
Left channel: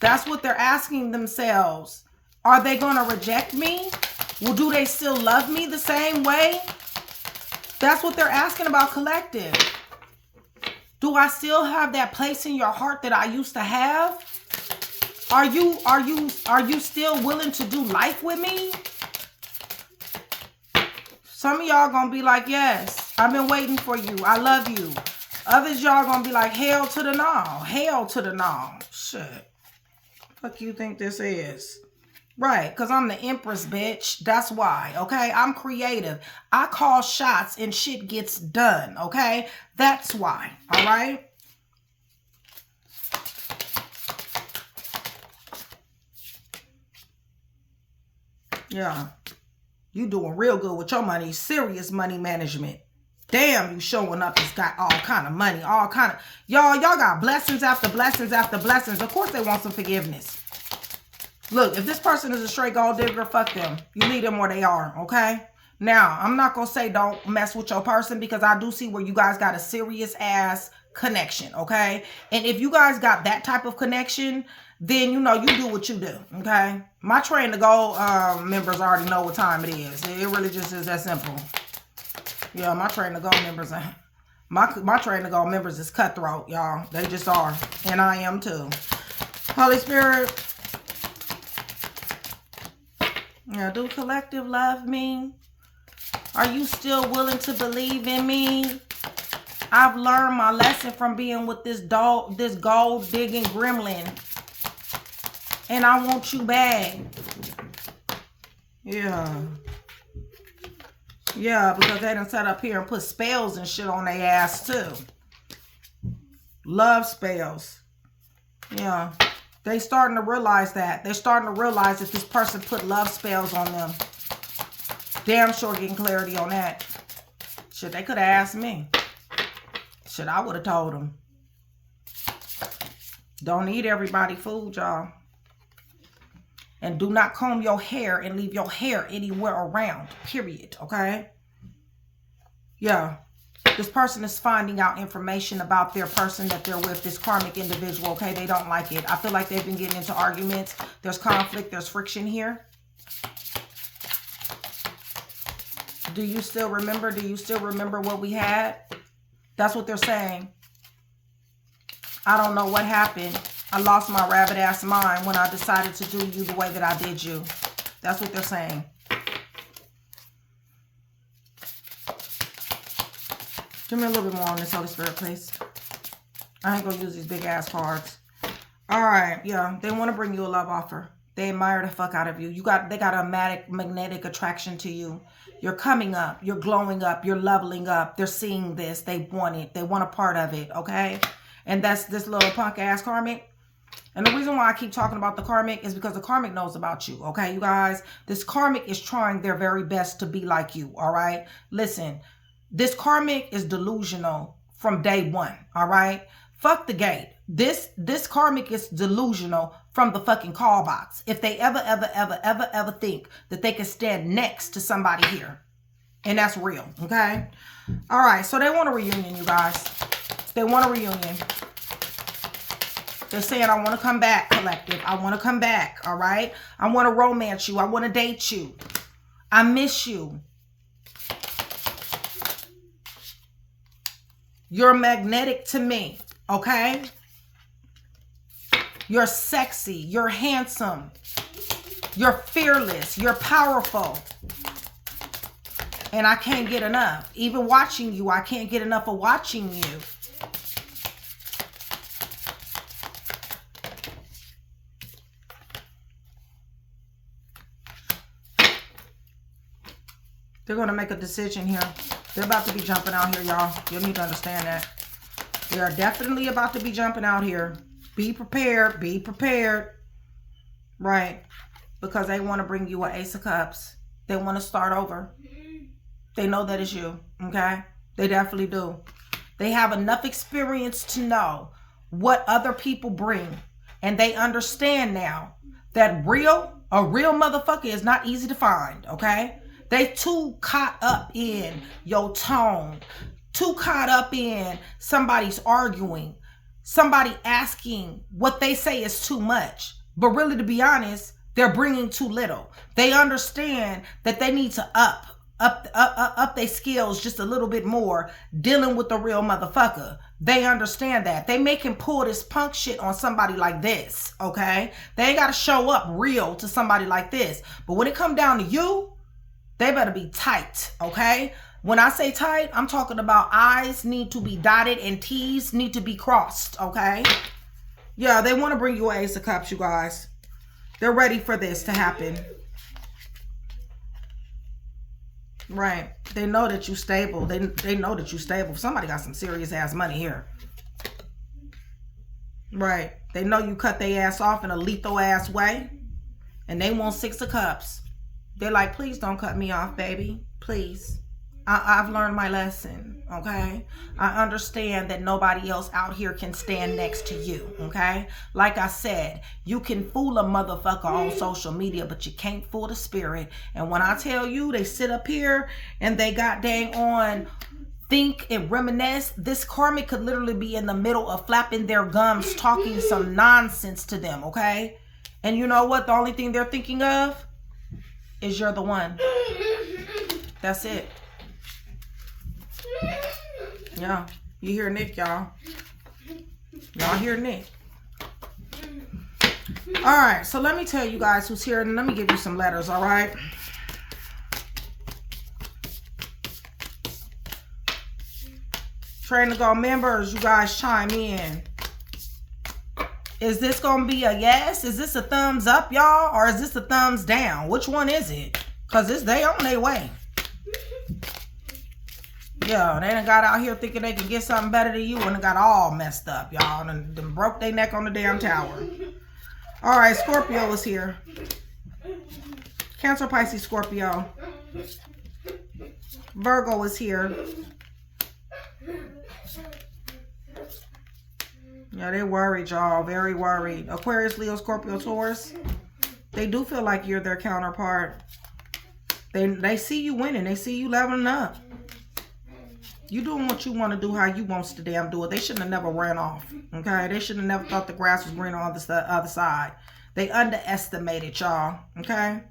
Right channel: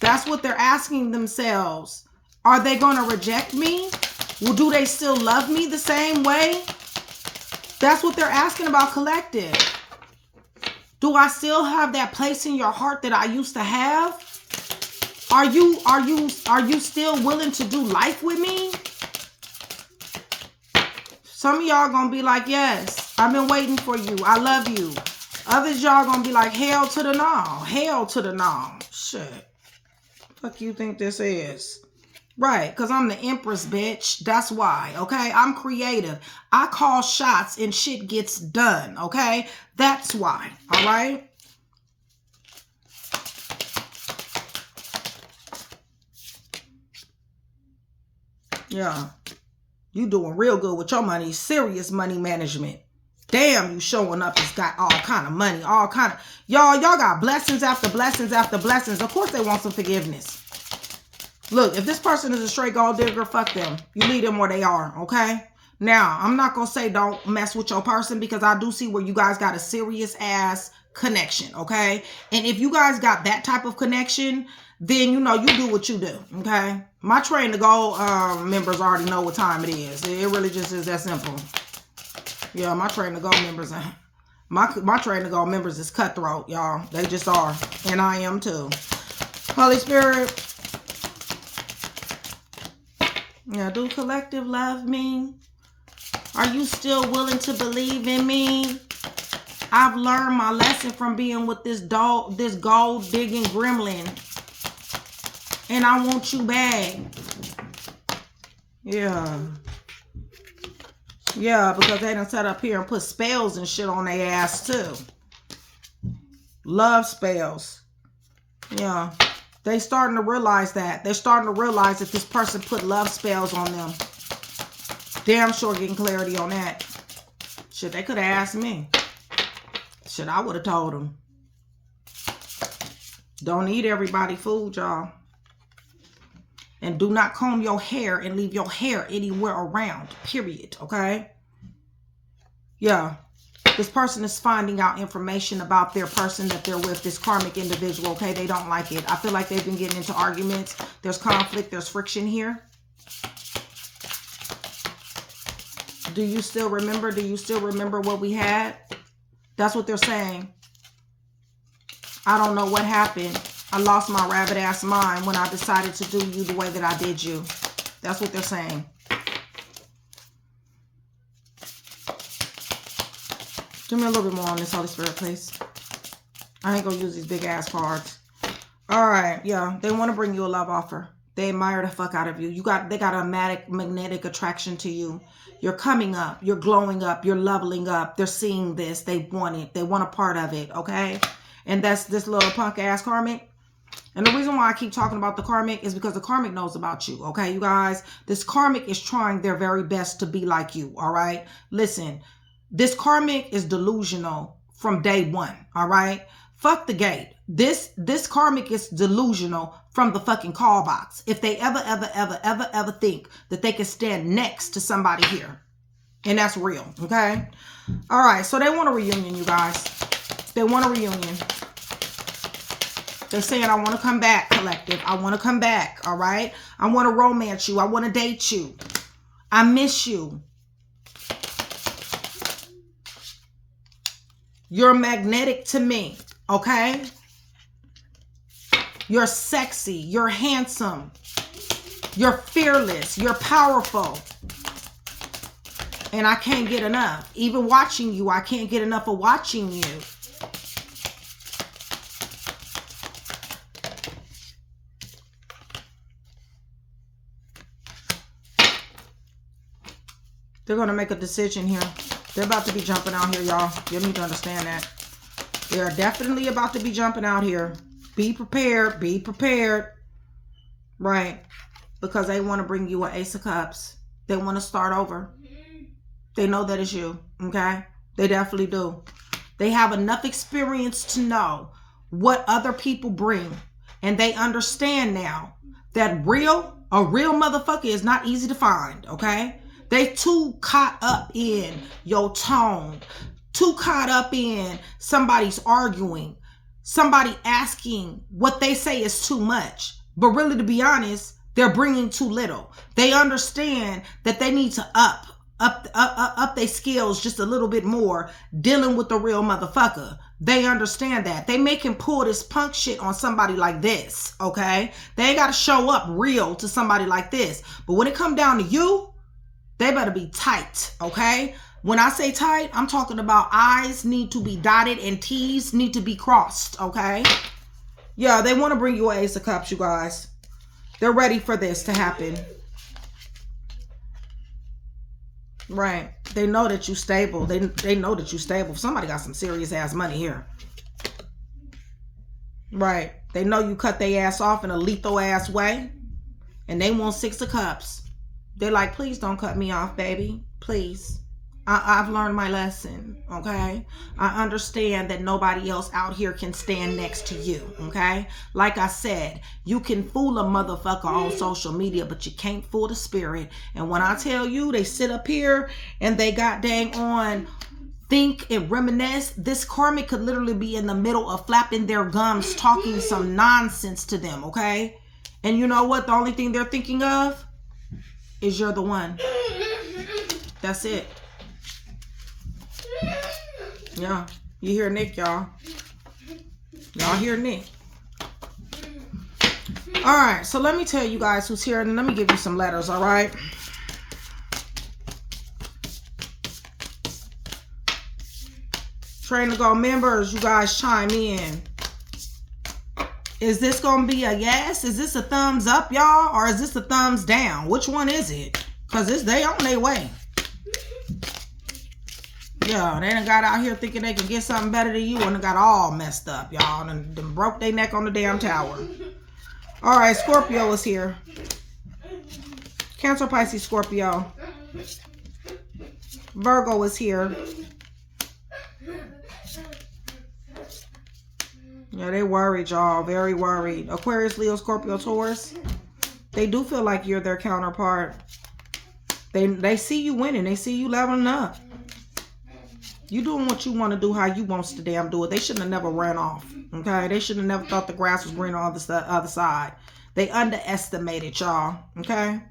That's what they're asking themselves. Are they going to reject me? Well, do they still love me the same way? That's what they're asking about, collective. Do I still have that place in your heart that I used to have? Are you still willing to do life with me? Some of y'all gonna be like, yes, I've been waiting for you. I love you. Others y'all gonna be like, hell to the no. Hell to the no. Shit. Fuck you think this is? Right, because I'm the Empress, bitch. That's why, okay? I'm creative. I call shots and shit gets done, okay? That's why, all right? Yeah. You doing real good with your money. Serious money management. Damn, you showing up has got all kind of money. All kind of... Y'all got blessings after blessings after blessings. Of course they want some forgiveness. Look, if this person is a straight gold digger, fuck them. You leave them where they are, okay? Now, I'm not going to say don't mess with your person because I do see where you guys got a serious ass connection, okay? And if you guys got that type of connection, then, you know, you do what you do, okay? My Train to Go members already know what time it is. It really just is that simple. Yeah, my Train to Go members, my Train to Go members is cutthroat, y'all. They just are. And I am too. Holy Spirit, Yeah, do collective love me? Are you still willing to believe in me? I've learned my lesson from being with this dog, this gold digging gremlin. And I want you back. Yeah. Yeah, because they done sat up here and put spells and shit on their ass too. Love spells. Yeah. They starting to realize that. They're starting to realize that this person put love spells on them. Damn sure getting clarity on that. Shit, they could have asked me. Shit, I would have told them. Don't eat everybody food, y'all. And do not comb your hair and leave your hair anywhere around. Period. Okay? Yeah. This person is finding out information about their person that they're with, this karmic individual. Okay? They don't like it. I feel like they've been getting into arguments. There's conflict. There's friction here. Do you still remember? Do you still remember what we had? That's what they're saying. I don't know what happened. I lost my rabbit ass mind when I decided to do you the way that I did you. That's what they're saying. Give me a little bit more on this, Holy Spirit, please. I ain't gonna use these big ass cards. All right, yeah. They want to bring you a love offer. They admire the fuck out of you. They got a magnetic attraction to you. You're coming up. You're glowing up. You're leveling up. They're seeing this. They want it. They want a part of it, okay? And that's this little punk ass karmic. And the reason why I keep talking about the karmic is because the karmic knows about you, okay, you guys? This karmic is trying their very best to be like you, all right? Listen, this karmic is delusional from day one, all right? Fuck the gate. This karmic is delusional from the fucking call box. If they ever think that they can stand next to somebody here. And that's real, okay? All right, so they want a reunion, you guys. They want a reunion. They're saying, I want to come back, collective. I want to come back, all right? I want to romance you. I want to date you. I miss you. You're magnetic to me, okay? You're sexy. You're handsome. You're fearless. You're powerful. And I can't get enough. Even watching you, I can't get enough of watching you. They're going to make a decision here. They're about to be jumping out here, y'all. You need to understand that. They are definitely about to be jumping out here. Be prepared. Be prepared. Right. Because they want to bring you an Ace of Cups. They want to start over. They know that it's you. Okay? They definitely do. They have enough experience to know what other people bring. And they understand now that a real motherfucker is not easy to find. Okay? They too caught up in your tone. Too caught up in somebody's arguing. Somebody asking what they say is too much. But really, to be honest, they're bringing too little. They understand that they need to up their skills just a little bit more dealing with the real motherfucker. They understand that. They make him pull this punk shit on somebody like this, okay? They ain't got to show up real to somebody like this. But when it come down to you, they better be tight, okay? When I say tight, I'm talking about I's need to be dotted and T's need to be crossed, okay? Yeah, they want to bring you an Ace of Cups, you guys. They're ready for this to happen. Right. They know that you stable. They know that you stable. Somebody got some serious ass money here. Right. They know you cut their ass off in a lethal ass way. And they want 6 of Cups. They're like, please don't cut me off, baby. Please. I've learned my lesson, okay? I understand that nobody else out here can stand next to you, okay? Like I said, you can fool a motherfucker on social media, but you can't fool the spirit. And when I tell you, they sit up here and they got dang on think and reminisce, this karmic could literally be in the middle of flapping their gums, talking some nonsense to them, okay? And you know what? The only thing they're thinking of is you're the one. That's it. Yeah, you hear Nick, y'all. Y'all hear Nick. All right, so let me tell you guys who's here, and let me give you some letters, all right? Train to Go members, you guys chime in. Is this going to be a yes? Is this a thumbs up, y'all? Or is this a thumbs down? Which one is it? Because they on their way. Yeah, they done got out here thinking they can get something better than you and got all messed up, y'all. And broke their neck on the damn tower. All right, Scorpio is here. Cancer, Pisces, Scorpio. Virgo is here. Yeah, they worried, y'all. Very worried. Aquarius, Leo, Scorpio, Taurus. They do feel like you're their counterpart. They see you winning. They see you leveling up. You doing what you want to do, how you wants to damn do it. They shouldn't have never ran off. Okay? They shouldn't have never thought the grass was greener on the other side. They underestimated y'all. Okay?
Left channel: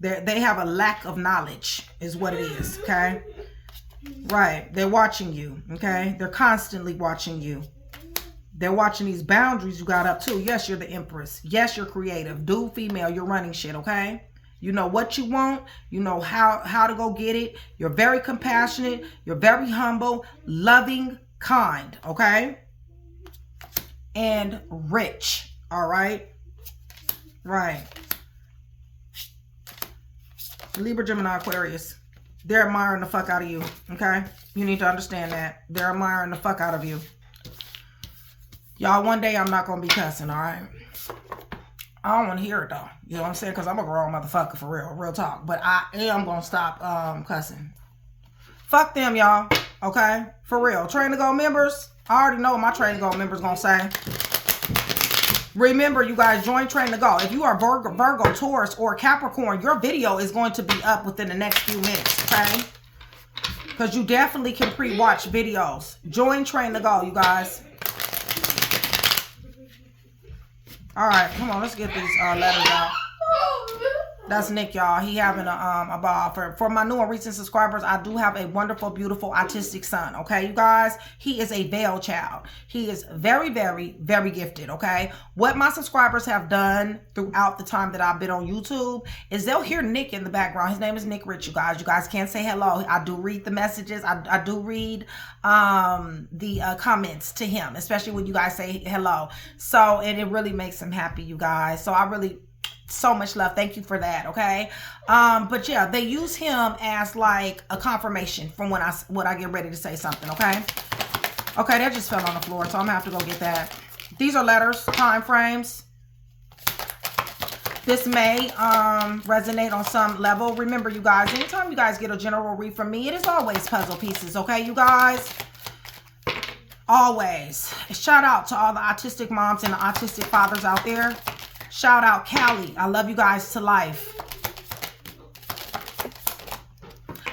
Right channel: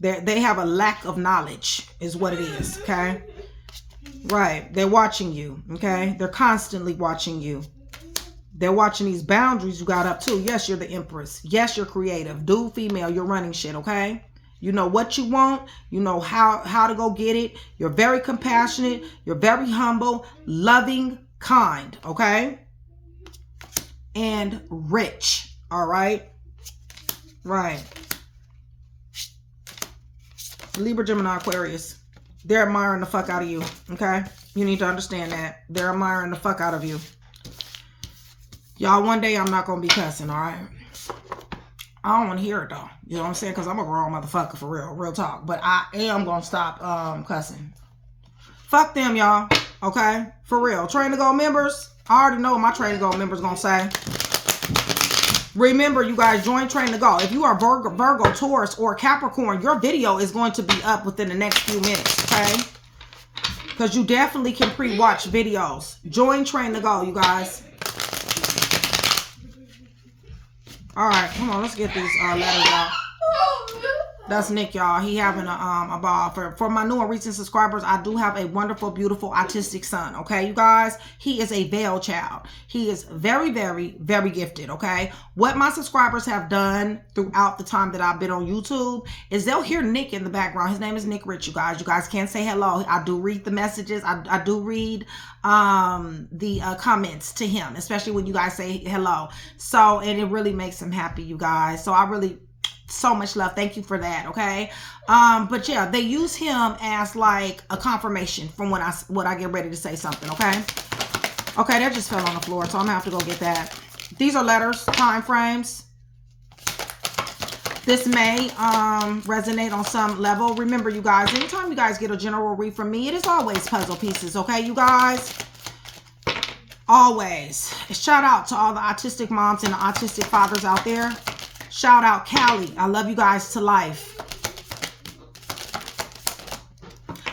They have a lack of knowledge is what it is. Okay? Right. They're watching you. Okay? They're constantly watching you. They're watching these boundaries you got up too. Yes, you're the empress. Yes, you're creative. Dude, female, you're running shit, okay? You know what you want. You know how to go get it. You're very compassionate. You're very humble, loving, kind, okay? And rich, all right? Right. Libra, Gemini, Aquarius. They're admiring the fuck out of you, okay? You need to understand that. They're admiring the fuck out of you. Y'all, one day I'm not going to be cussing, all right? I don't want to hear it, though. You know what I'm saying? Because I'm a grown motherfucker for real. Real talk. But I am going to stop cussing. Fuck them, y'all. Okay? For real. Train to Go members. I already know what my Train to Go members going to say. Remember, you guys, join Train to Go. If you are Virgo, Taurus, or Capricorn, your video is going to be up within the next few minutes, okay? Because you definitely can pre-watch videos. Join Train to Go, you guys. All right, come on, let's get these letters out. That's Nick, y'all. He having a ball. For my new and recent subscribers, I do have a wonderful, beautiful, autistic son, okay, you guys? He is a veil child. He is very, very, very gifted, okay? What my subscribers have done throughout the time that I've been on YouTube is they'll hear Nick in the background. His name is Nick Rich, you guys. You guys can't say hello. I do read the messages. I do read the comments to him, especially when you guys say hello. So, and it really makes him happy, you guys. So I really... so much love. Thank you for that. Okay. But yeah, they use him as like a confirmation from when I get ready to say something. Okay. Okay. That just fell on the floor. So I'm gonna have to go get that. These are letters, time frames. This may resonate on some level. Remember, you guys, anytime you guys get a general read from me, it is always puzzle pieces. Okay, you guys. Always. Shout out to all the autistic moms and the autistic fathers out there. Shout out Callie. I love you guys to life.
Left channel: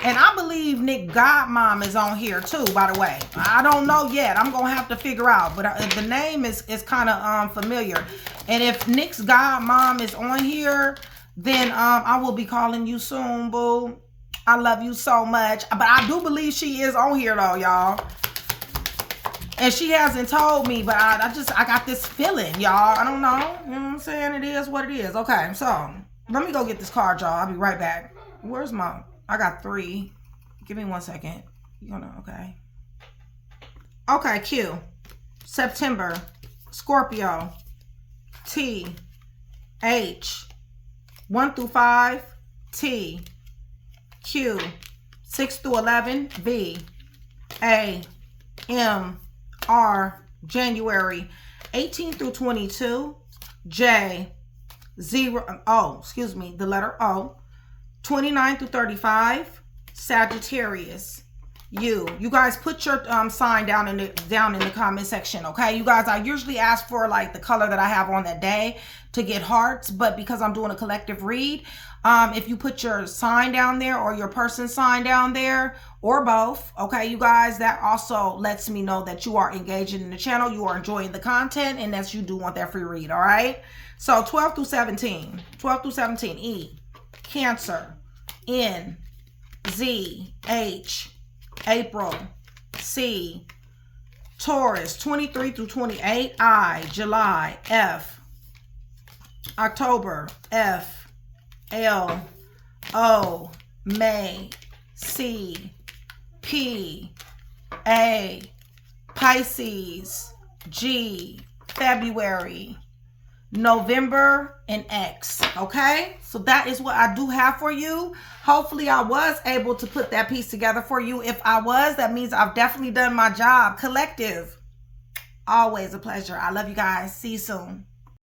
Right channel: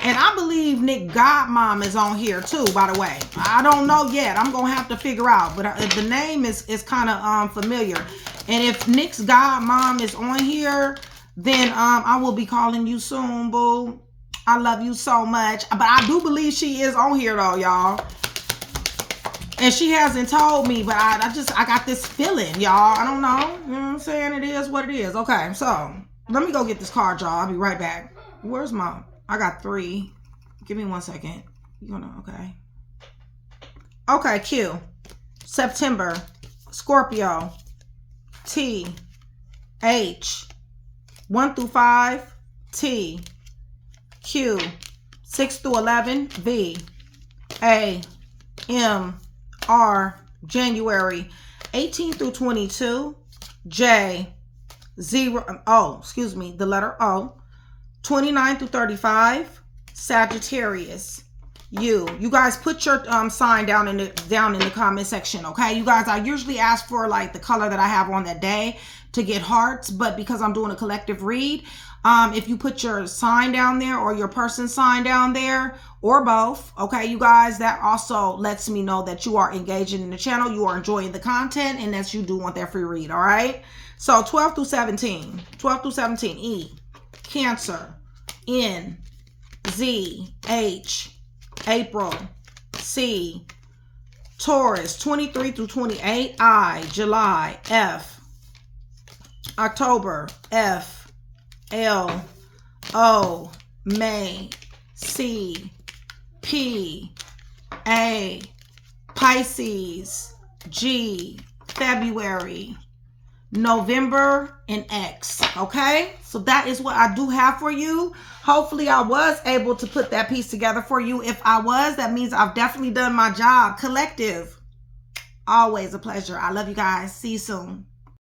And I believe Nick Godmom is on here too, by the way. I don't know yet. I'm going to have to figure out. But the name is kind of familiar. And if Nick's Godmom is on here, then I will be calling you soon, boo. I love you so much. But I do believe she is on here though, y'all. And she hasn't told me, but I got this feeling, y'all. I don't know. You know what I'm saying? It is what it is. Okay, so let me go get this card, y'all. I'll be right back. Where's my... I got 3. Give me 1 second. You gonna... Okay. Okay, Q. September. Scorpio. T. H. 1 through 5. T. Q. 6 through 11. V. A. M. R. January 18 through 22. J. 0. O. Excuse me. The letter O. 29 through 35. Sagittarius. U. You guys put your sign down in the comment section, okay? You guys, I usually ask for like the color that I have on that day to get hearts, but because I'm doing a collective read, if you put your sign down there or your person sign down there or both, okay, you guys, that also lets me know that you are engaging in the channel, you are enjoying the content, and that you do want that free read, all right? So 12 through 17. 12 through 17. E. Cancer. N. Z. H. April. C. Taurus. 23 through 28. I. July. F. October, F, L, O, May, C, P, A, Pisces, G, February, November, and X. Okay, so that is what I do have for you. Hopefully I was able to put that piece together for you. If I was, that means I've definitely done my job. Collective, always a pleasure. I love you guys. See you soon.